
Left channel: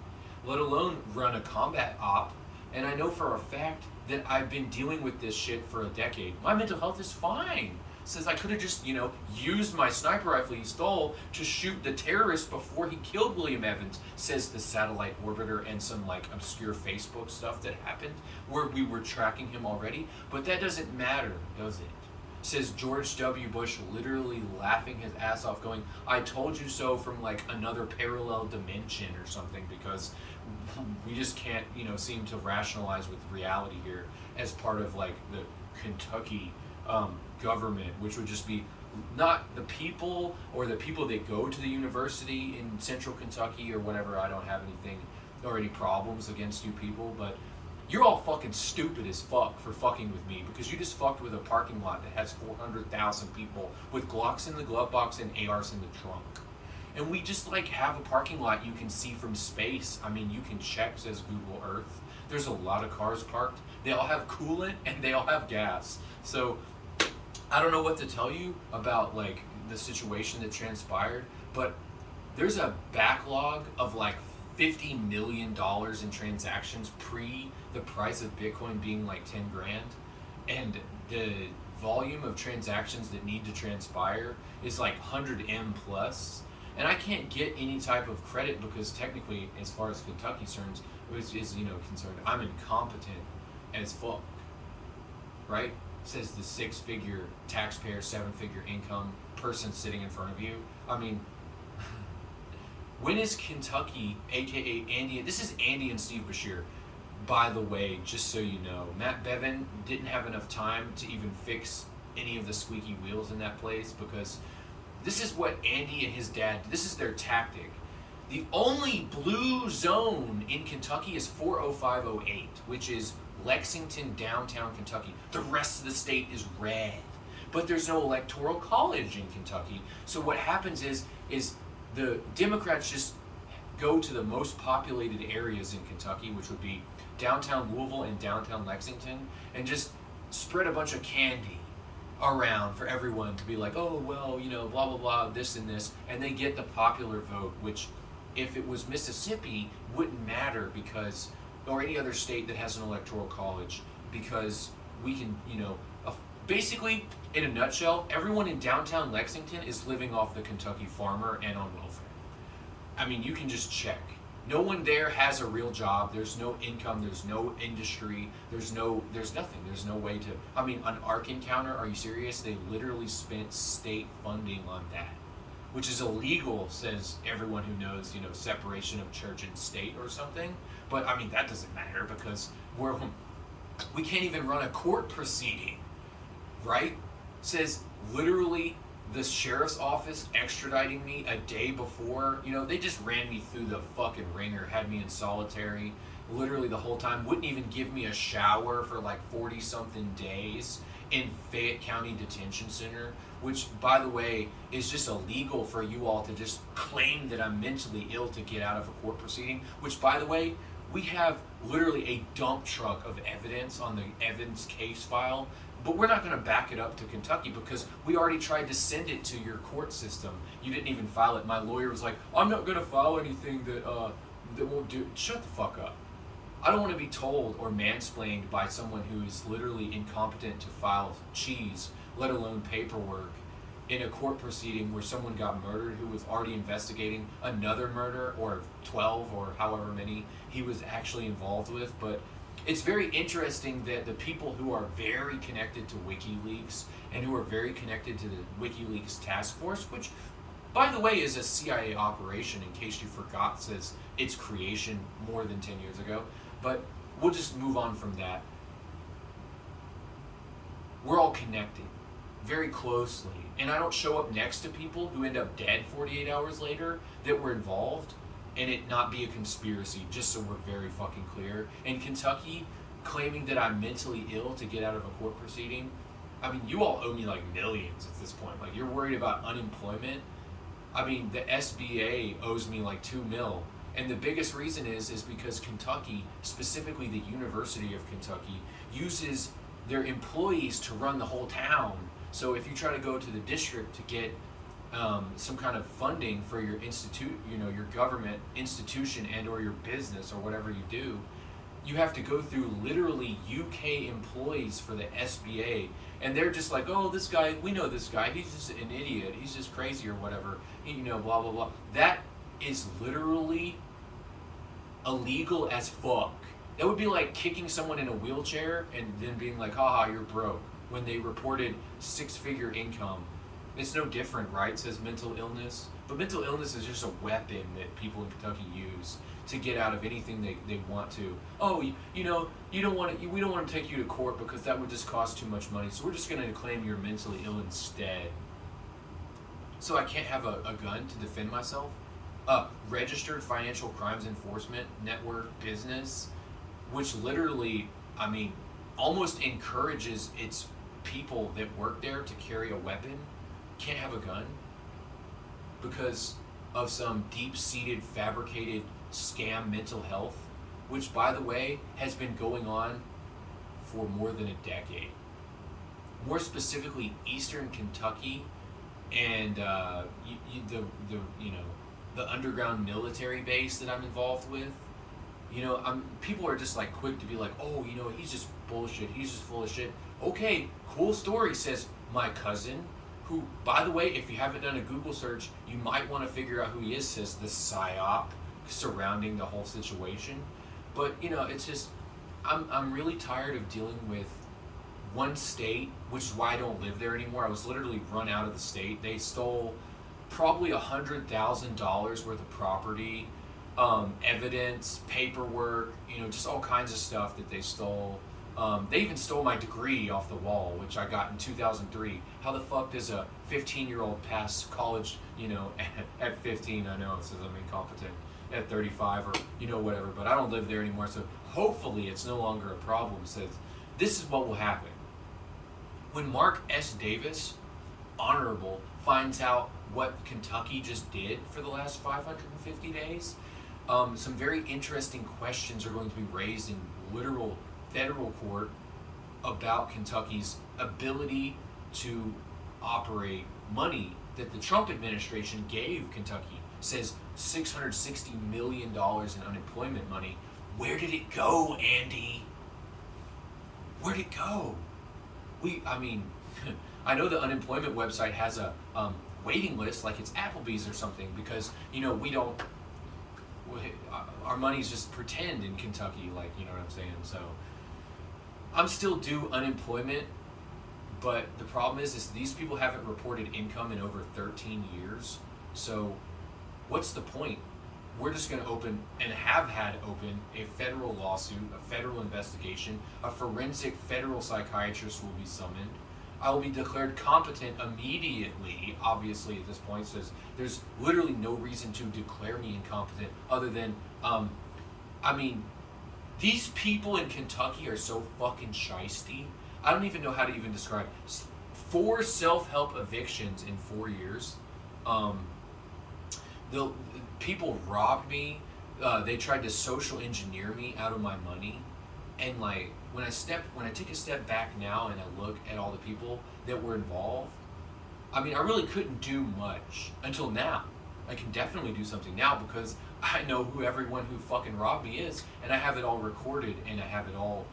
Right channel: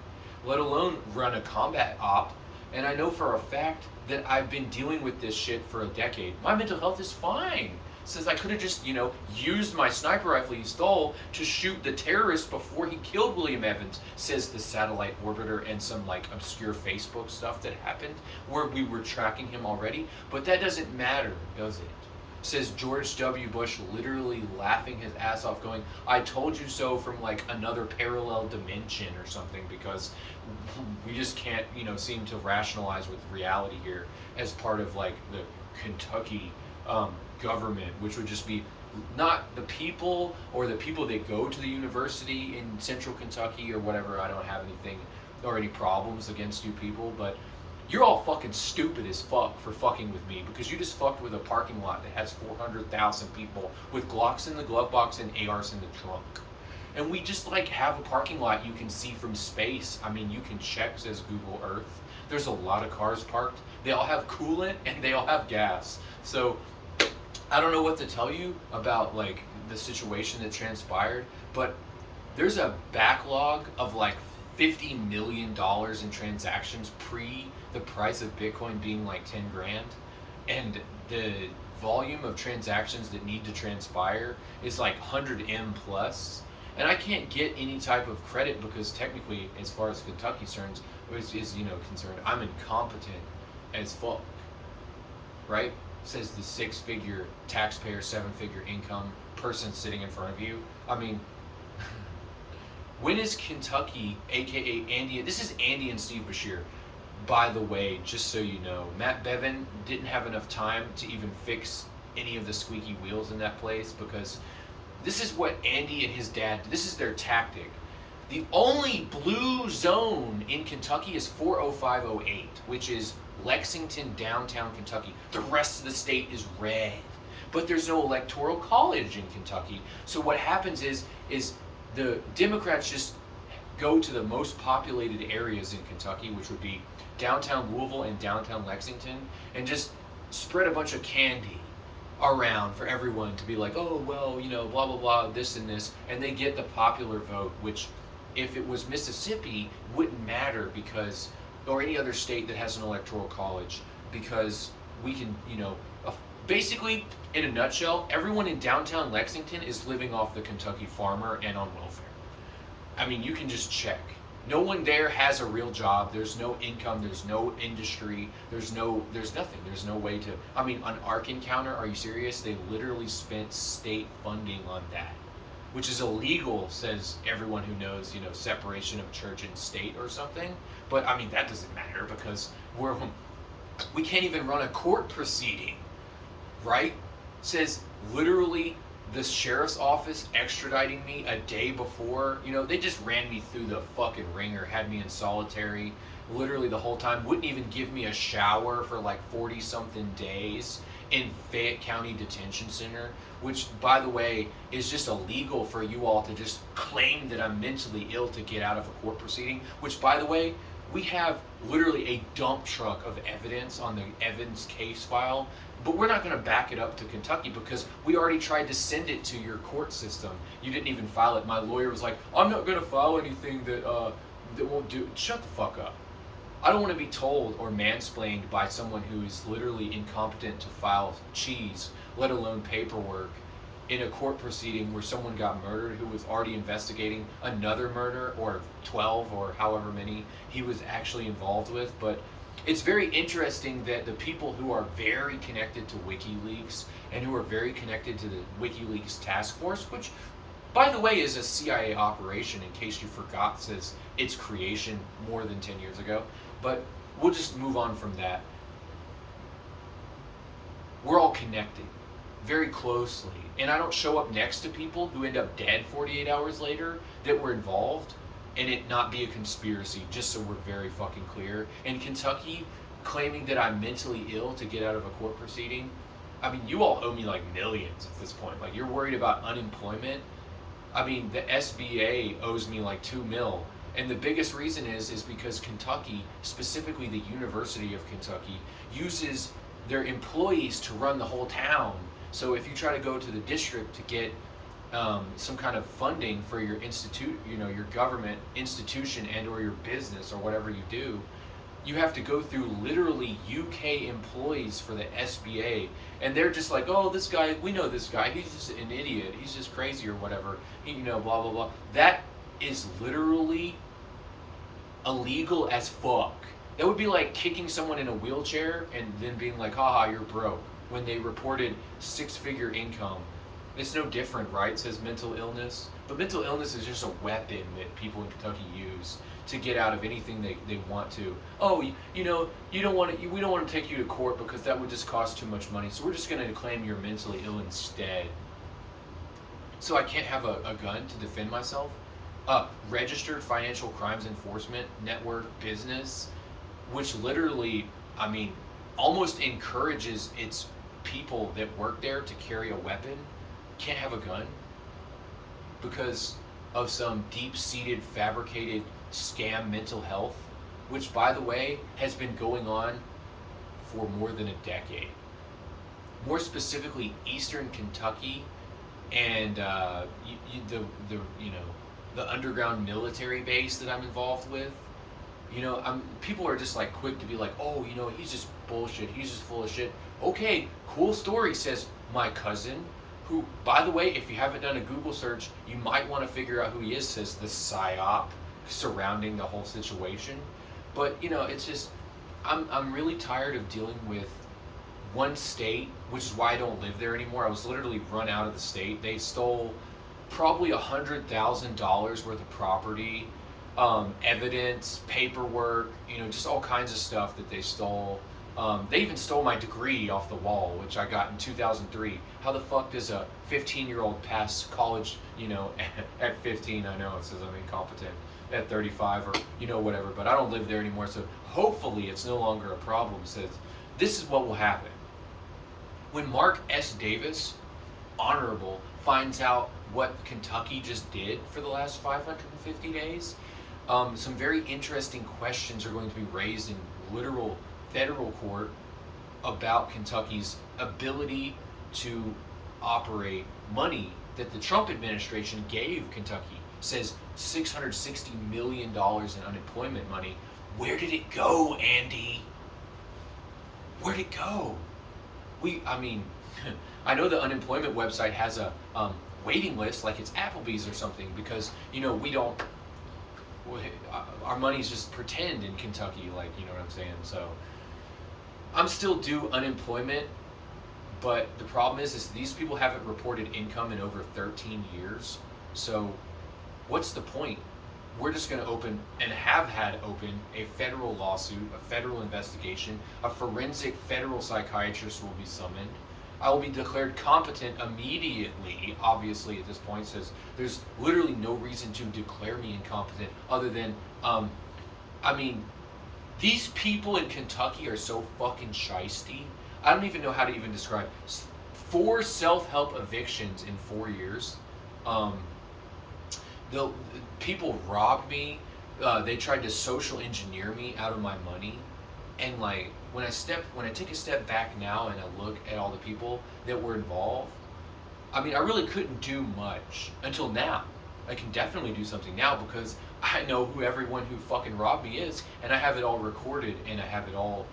let alone run a combat op. And I know for a fact that I've been dealing with this shit for a decade. My mental health is fine. Says I could have just, used my sniper rifle he stole to shoot the terrorist before he killed William Evans, says the satellite orbiter and some obscure Facebook stuff that happened where we were tracking him already. But that doesn't matter, does it? Says George W. Bush, literally laughing his ass off, going, I told you so, from another parallel dimension or something, because we just can't, seem to rationalize with reality here as part of the Kentucky government, which would just be not the people or the people that go to the university in central Kentucky or whatever. I don't have anything or any problems against you people, but you're all fucking stupid as fuck for fucking with me because you just fucked with a parking lot that has 400,000 people with Glocks in the glove box and ARs in the trunk. And we just have a parking lot you can see from space. I mean, you can check, says Google Earth. There's a lot of cars parked. They all have coolant and they all have gas. So I don't know what to tell you about the situation that transpired, but there's a backlog of $50 million in transactions pre the price of Bitcoin being 10 grand, and the volume of transactions that need to transpire is 100M plus, and I can't get any type of credit because technically, as far as Kentucky concerned, I'm incompetent as fuck, right? Says the 6-figure taxpayer, 7-figure income person sitting in front of you. I mean, when is Kentucky, aka Andy, this is Andy and Steve Bashir, by the way, just so you know, Matt Bevin didn't have enough time to even fix any of the squeaky wheels in that place because this is what Andy and his dad, this is their tactic. The only blue zone in Kentucky is 40508, which is Lexington, downtown Kentucky. The rest of the state is red, but there's no electoral college in Kentucky. So what happens is the Democrats just go to the most populated areas in Kentucky, which would be downtown Louisville and downtown Lexington, and just spread a bunch of candy around for everyone to be oh, well, blah, blah, blah, this and this, and they get the popular vote, which if it was Mississippi, wouldn't matter because, or any other state that has an electoral college, because we can, basically, in a nutshell, everyone in downtown Lexington is living off the Kentucky farmer and on welfare. I mean, you can just check. No one there has a real job. There's no income. There's no industry. There's nothing. There's no way to, an ARC encounter, are you serious? They literally spent state funding on that, which is illegal, says everyone who knows, separation of church and state or something. But that doesn't matter because we can't even run a court proceeding, right? Says literally the sheriff's office extraditing me a day before, they just ran me through the fucking ringer, had me in solitary literally the whole time, wouldn't even give me a shower for 40 something days. in Fayette County Detention Center, which, by the way, is just illegal for you all to just claim that I'm mentally ill to get out of a court proceeding, which, by the way, we have literally a dump truck of evidence on the Evans case file, but we're not going to back it up to Kentucky because we already tried to send it to your court system. You didn't even file it. My lawyer was like, I'm not going to file anything that won't do. Shut the fuck up. I don't want to be told or mansplained by someone who is literally incompetent to file cheese, let alone paperwork, in a court proceeding where someone got murdered who was already investigating another murder, or 12 or however many he was actually involved with. But it's very interesting that the people who are very connected to WikiLeaks and who are very connected to the WikiLeaks task force, which, by the way, is a CIA operation, in case you forgot, since its creation more than 10 years ago. But we'll just move on from that. We're all connected very closely. And I don't show up next to people who end up dead 48 hours later that were involved and it not be a conspiracy, just so we're very fucking clear. In Kentucky, claiming that I'm mentally ill to get out of a court proceeding, I mean, you all owe me like millions at this point. Like, you're worried about unemployment. I mean, the SBA owes me like $2 million. And the biggest reason is because Kentucky, specifically the University of Kentucky, uses their employees to run the whole town. So if you try to go to the district to get some kind of funding for your your government institution and or your business or whatever you do, you have to go through literally UK employees for the SBA. And they're just like, oh, this guy, we know this guy, he's just an idiot, he's just crazy or whatever, blah, blah, blah. That is literally illegal as fuck. That would be like kicking someone in a wheelchair and then being like, haha, you're broke, when they reported 6-figure income. It's no different, right? It says mental illness. But mental illness is just a weapon that people in Kentucky use to get out of anything they want to. Oh, you don't want to, we don't want to take you to court because that would just cost too much money. So we're just going to claim you're mentally ill instead. So I can't have a gun to defend myself? Registered Financial Crimes Enforcement Network business, which literally, I mean, almost encourages its people that work there to carry a weapon, can't have a gun because of some deep-seated, fabricated scam mental health, which, by the way, has been going on for more than a decade. More specifically, Eastern Kentucky and the underground military base that I'm involved with. People are just like quick to be like, oh, he's just bullshit, he's just full of shit. Okay, cool story, says my cousin, who, by the way, if you haven't done a Google search, you might want to figure out who he is, says the PSYOP surrounding the whole situation. But, it's just, I'm really tired of dealing with one state, which is why I don't live there anymore. I was literally run out of the state. They stole probably $100,000 worth of property, evidence, paperwork, just all kinds of stuff that they stole. They even stole my degree off the wall, which I got in 2003. How the fuck does a 15-year-old pass college, at 15? I know it says I'm incompetent at 35 or, whatever, but I don't live there anymore. So hopefully it's no longer a problem. Says this is what will happen. When Mark S. Davis, Honorable, finds out what Kentucky just did for the last 550 days, some very interesting questions are going to be raised in literal federal court about Kentucky's ability to operate money that the Trump administration gave Kentucky. Says $660 million in unemployment money. Where did it go, Andy? Where'd it go? I know the unemployment website has a waiting list, like it's Applebee's or something, because our money's just pretend in Kentucky, like, you know what I'm saying? So I'm still due unemployment, but the problem is these people haven't reported income in over 13 years. So what's the point? We're just going to open, and have had open, a federal lawsuit, a federal investigation. A forensic federal psychiatrist will be summoned. I will be declared competent immediately, obviously, at this point. Says there's literally no reason to declare me incompetent other than, these people in Kentucky are so fucking shisty. I don't even know how to even describe 4 self-help evictions in 4 years. Um, the people robbed me. They tried to social engineer me out of my money, and like when I take a step back now and I look at all the people that were involved, I mean, I really couldn't do much until now. I can definitely do something now because I know who everyone who fucking robbed me is, and I have it all recorded, and I have it all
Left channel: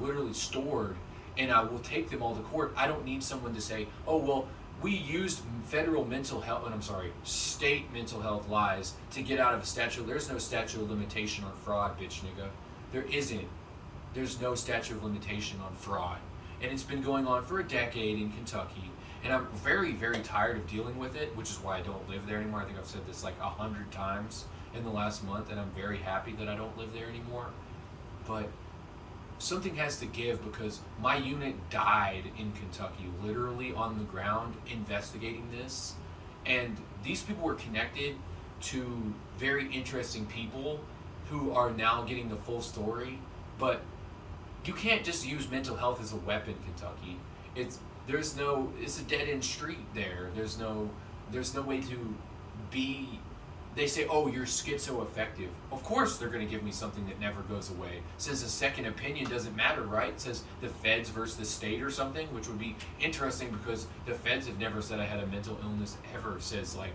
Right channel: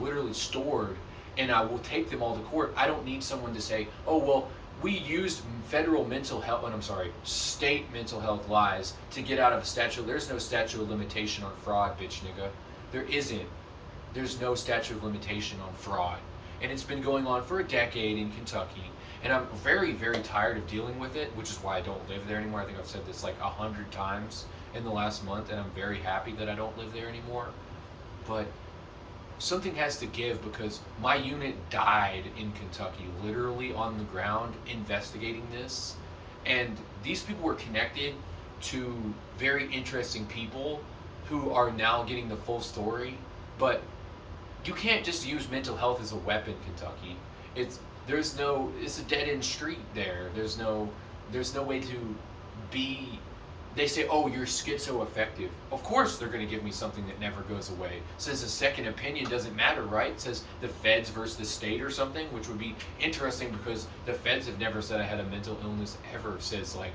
literally stored, and I will take them all to court. I don't need someone to say, oh, well, we used federal mental health, and I'm sorry, state mental health lies to get out of a statute. There's no statute of limitation on fraud, bitch nigga. There isn't. There's no statute of limitation on fraud. And it's been going on for a decade in Kentucky. And I'm very, very tired of dealing with it, which is why I don't live there anymore. I think I've said this like 100 times in the last month, and I'm very happy that I don't live there anymore. But something has to give because my unit died in Kentucky, literally on the ground investigating this. And these people were connected to very interesting people who are now getting the full story. But you can't just use mental health as a weapon, Kentucky. It's a dead end street there. There's no way to be. They say, oh, you're schizoaffective. Of course they're going to give me something that never goes away. Says a second opinion doesn't matter, right? It says the feds versus the state or something, which would be interesting because the feds have never said I had a mental illness ever. Says like,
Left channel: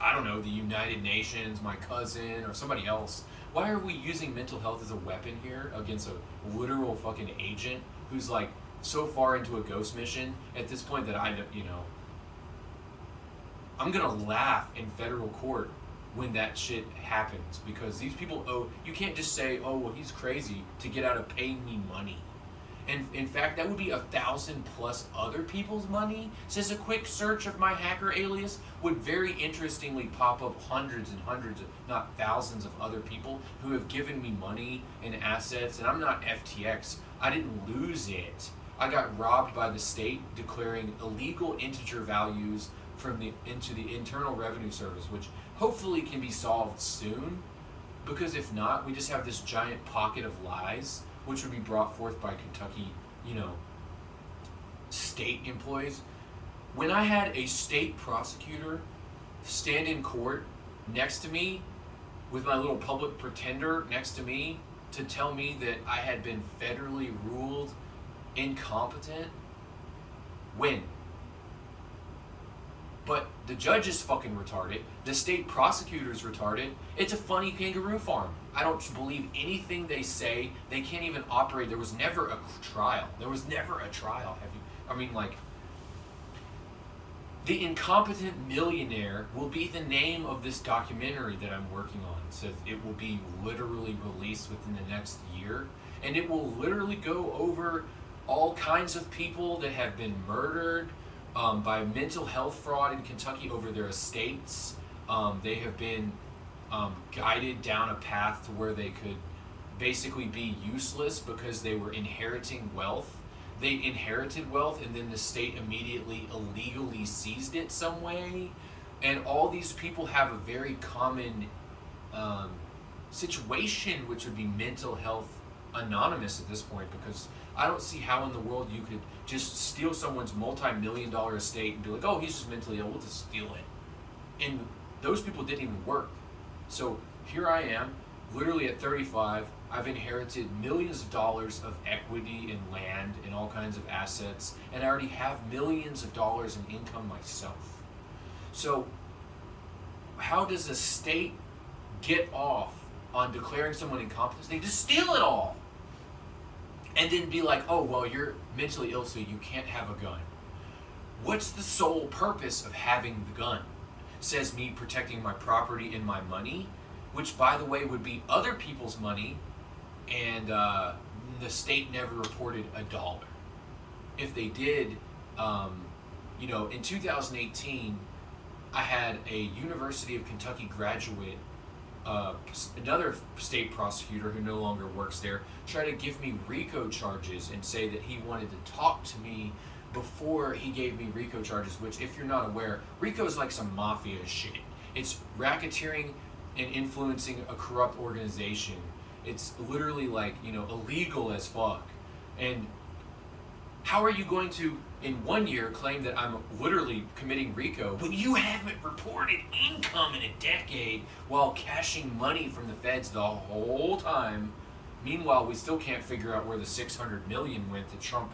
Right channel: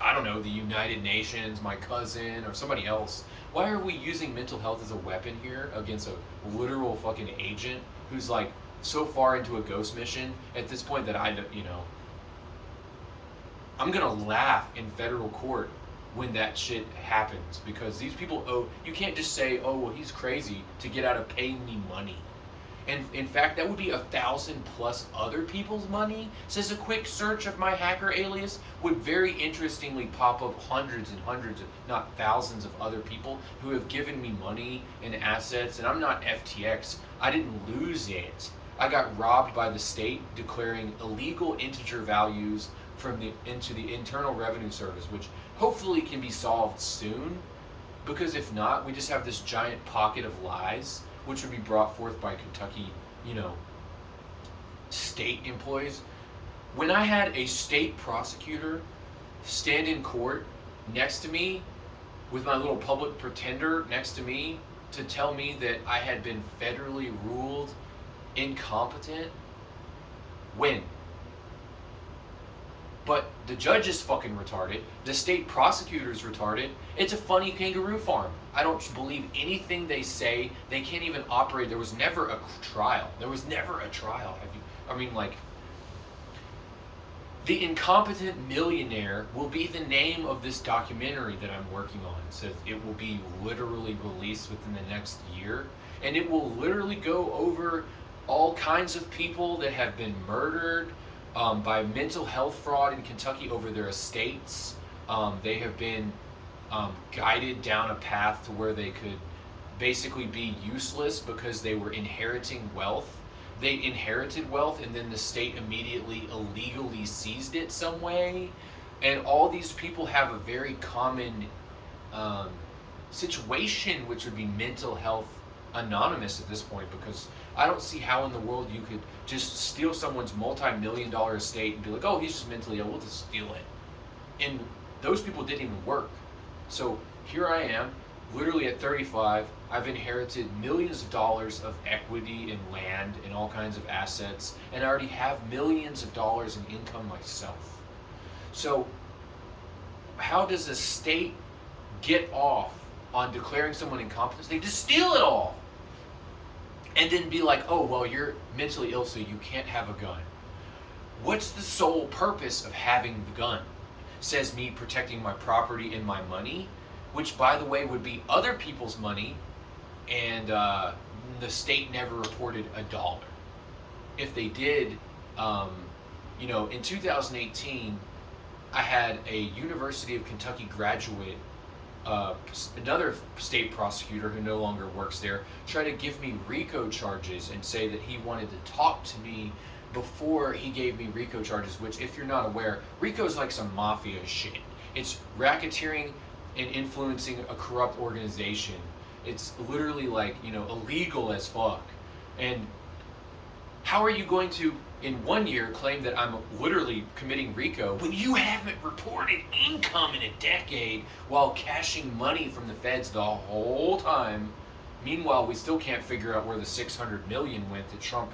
I don't know, the United Nations, my cousin, or somebody else. Why are we using mental health as a weapon here against a literal fucking agent who's like so far into a ghost mission at this point that I'm gonna laugh in federal court when that shit happens because these people you can't just say, oh, well, he's crazy to get out of paying me money. And in fact, that would be 1,000 plus other people's money. Says a quick search of my hacker alias would very interestingly pop up hundreds and hundreds, not thousands of other people who have given me money and assets. And I'm not FTX. I didn't lose it. I got robbed by the state declaring illegal integer values into the Internal Revenue Service, which hopefully can be solved soon. Because if not, we just have this giant pocket of lies which would be brought forth by Kentucky, state employees. When I had a state prosecutor stand in court next to me with my little public pretender next to me to tell me that I had been federally ruled incompetent, when? But the judge is fucking retarded. The state prosecutor's retarded. It's a funny kangaroo farm. I don't believe anything they say. They can't even operate. There was never a trial. The Incompetent Millionaire will be the name of this documentary that I'm working on. It says it will be literally released within the next year. And it will literally go over all kinds of people that have been murdered, by mental health fraud in Kentucky over their estates. They have been guided down a path to where they could basically be useless because they were inheriting wealth. They inherited wealth and then the state immediately illegally seized it some way. And all these people have a very common situation, which would be mental health anonymous at this point, because I don't see how in the world you could just steal someone's multi-million-dollar estate and be like, oh, he's just mentally ill, we'll just steal it. And those people didn't even work. So here I am, literally at 35, I've inherited millions of dollars of equity in land and all kinds of assets, and I already have millions of dollars in income myself. So how does a state get off on declaring someone incompetent? They just steal it all. And then be like, oh, well, you're mentally ill, so you can't have a gun. What's the sole purpose of having the gun? Says me protecting my property and my money, which, by the way, would be other people's money, and the state never reported a dollar. If they did, in 2018, I had a University of Kentucky graduate, another state prosecutor who no longer works there, try to give me RICO charges and say that he wanted to talk to me before he gave me RICO charges, which, if you're not aware, RICO is like some mafia shit. It's racketeering and influencing a corrupt organization. It's literally like, illegal as fuck. And How are you going to, in 1 year, claim that I'm literally committing RICO when you haven't reported income in a decade while cashing money from the feds the whole time? Meanwhile, we still can't figure out where the 600 million went that Trump,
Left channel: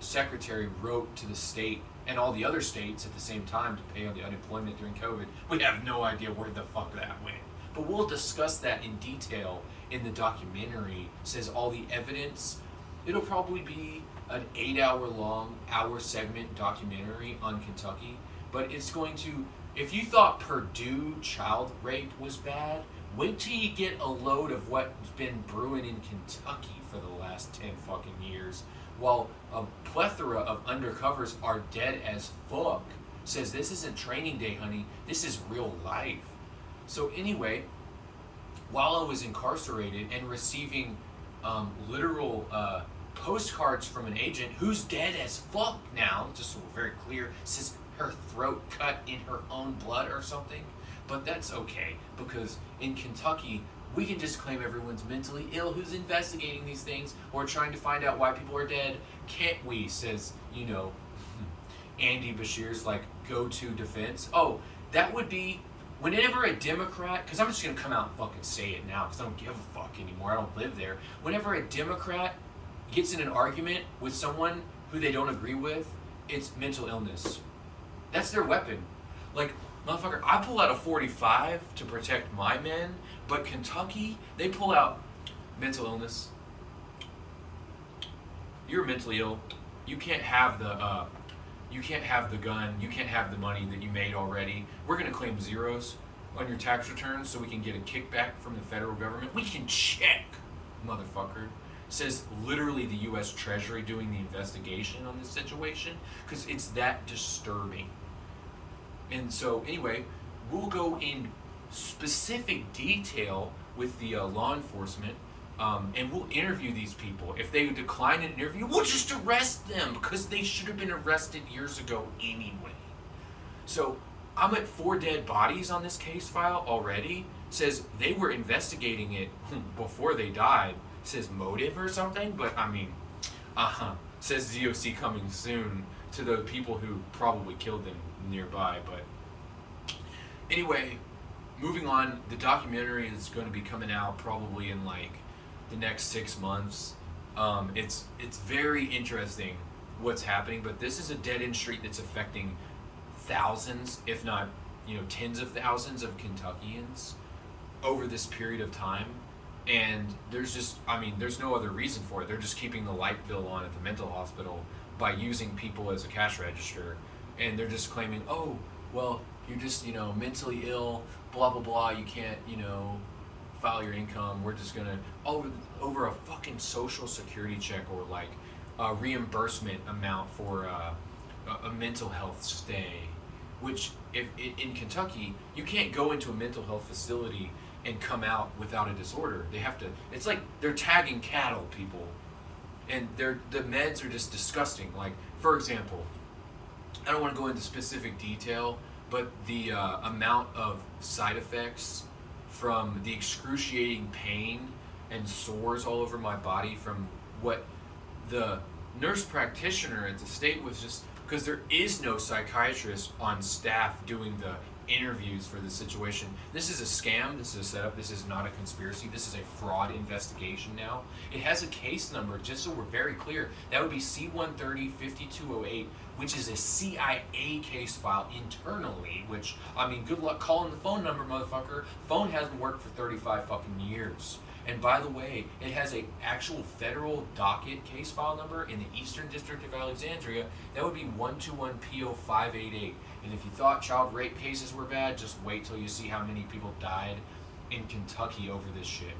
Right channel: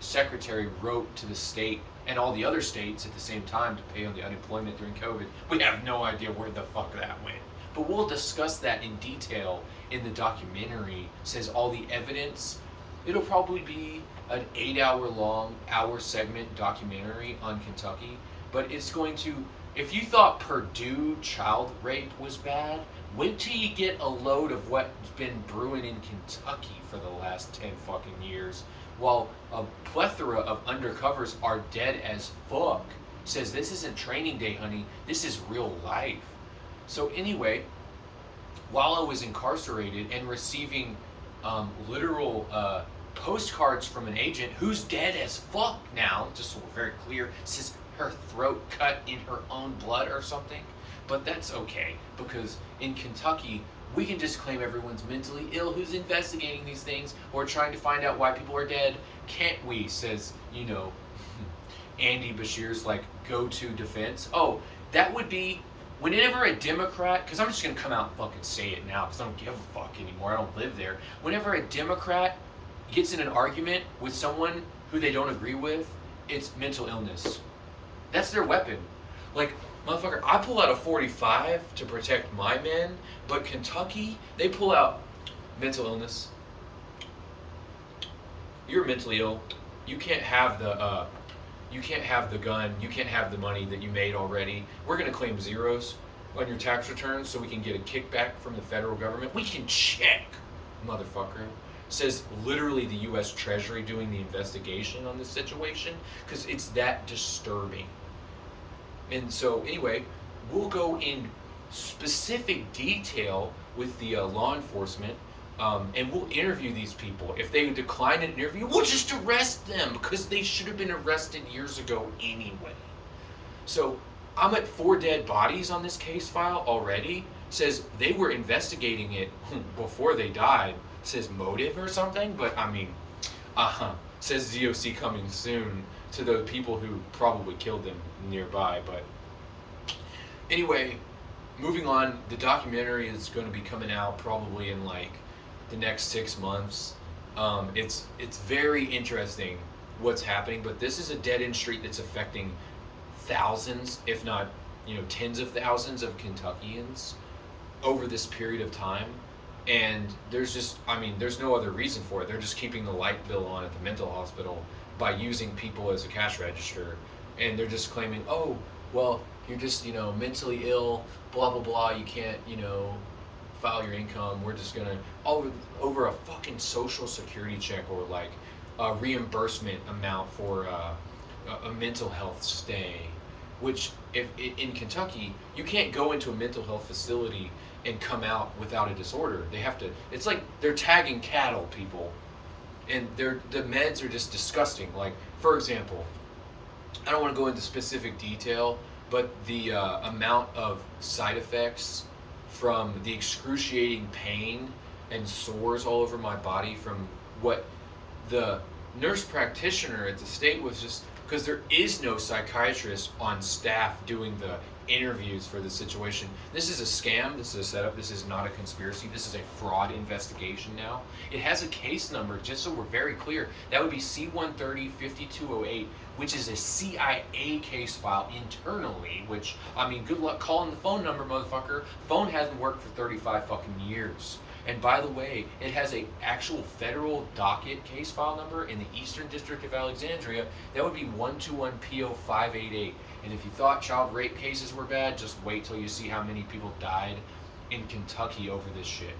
secretary wrote to the state and all the other states at the same time to pay on the unemployment during COVID. We have no idea where the fuck that went. But we'll discuss that in detail in the documentary. It says all the evidence. It'll probably be an 8-hour segment documentary on Kentucky, but it's going to, if you thought Purdue child rape was bad, wait till you get a load of what's been brewing in Kentucky for the last 10 fucking years, while a plethora of undercovers are dead as fuck. Says this isn't training day, honey, this is real life. So anyway, while I was incarcerated and receiving literal postcards from an agent who's dead as fuck now, just so we're very clear, says her throat cut in her own blood or something. But that's okay, because in Kentucky, we can just claim everyone's mentally ill who's investigating these things or trying to find out why people are dead. Can't we? Says, Andy Bashir's go-to defense. Oh, that would be whenever a Democrat, because I'm just going to come out and fucking say it now because I don't give a fuck anymore. I don't live there. Whenever a Democrat gets in an argument with someone who they don't agree with, it's mental illness. That's their weapon. Motherfucker, I pull out a 45 to protect my men, but Kentucky, they pull out mental illness. You're mentally ill. You can't have the gun. You can't have the money that you made already. We're gonna claim zeros on your tax returns so we can get a kickback from the federal government. We can check, motherfucker. Says literally the U.S. Treasury doing the investigation on this situation because it's that disturbing. And so anyway, we'll go in specific detail with the law enforcement and we'll interview these people. If they decline an interview, we'll just arrest them because they should have been arrested years ago anyway. So I'm at 4 dead bodies on this case file already. Says they were investigating it before they died. Says motive or something, but I mean, says ZOC coming soon to the people who probably killed them nearby. But anyway, moving on, the documentary is going to be coming out probably in the next 6 months. It's very interesting what's happening, but this is a dead-end street that's affecting thousands, if not tens of thousands of Kentuckians over this period of time. And there's no other reason for it. They're just keeping the light bill on at the mental hospital by using people as a cash register. And they're just claiming, oh, well, you're just, mentally ill, blah, blah, blah. You can't, file your income. We're just going to, over a fucking social security check or a reimbursement amount for a mental health stay. Which, if in Kentucky, you can't go into a mental health facility and come out without a disorder. They have to, it's like they're tagging cattle, people. And the meds are just disgusting. For example, I don't want to go into specific detail, but the amount of side effects from the excruciating pain and sores all over my body from what the nurse practitioner at the state was just, because there is no psychiatrist on staff doing the interviews for the situation. This is a scam. This is a setup. This is not a conspiracy. This is a fraud investigation now. It has a case number, just so we're very clear. That would be C-130-5208, which is a CIA case file internally, which, good luck calling the phone number, motherfucker. Phone hasn't worked for 35 fucking years. And by the way, it has a actual federal docket case file number in the Eastern District of Alexandria. That would be 121PO588. And if you thought child rape cases were bad, just wait till you see how many people died in Kentucky over this shit.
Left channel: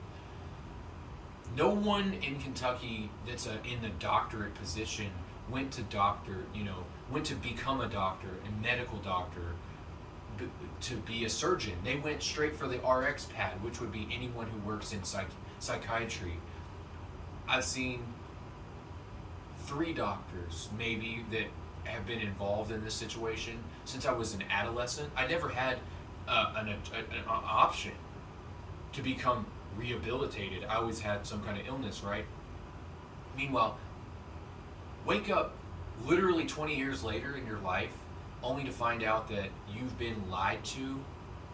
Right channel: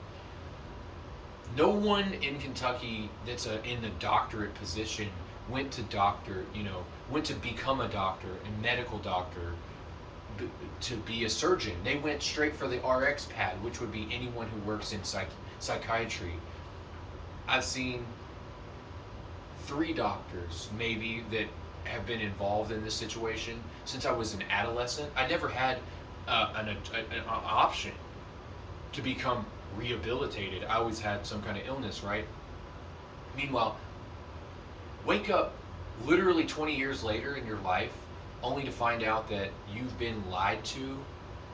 No one in Kentucky that's in the doctorate position went to become a doctor, a medical doctor, to be a surgeon. They went straight for the RX pad, which would be anyone who works in psychiatry. I've seen 3 doctors maybe that have been involved in this situation since I was an adolescent. I never had an option to become rehabilitated. I always had some kind of illness, right? Meanwhile, Wake up literally 20 years later in your life only to find out that you've been lied to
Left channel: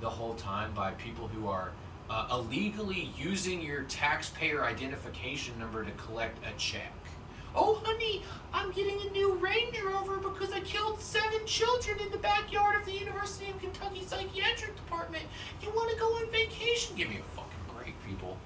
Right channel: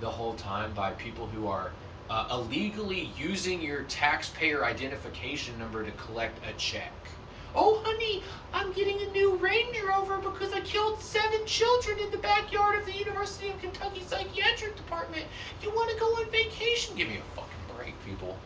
the whole time by people who are illegally using your taxpayer identification number to collect a check. Oh, honey, I'm getting a new Range Rover because I killed 7 children in the backyard of the University of Kentucky Psychiatric Department. You want to go on vacation? Give me a fucking break, people.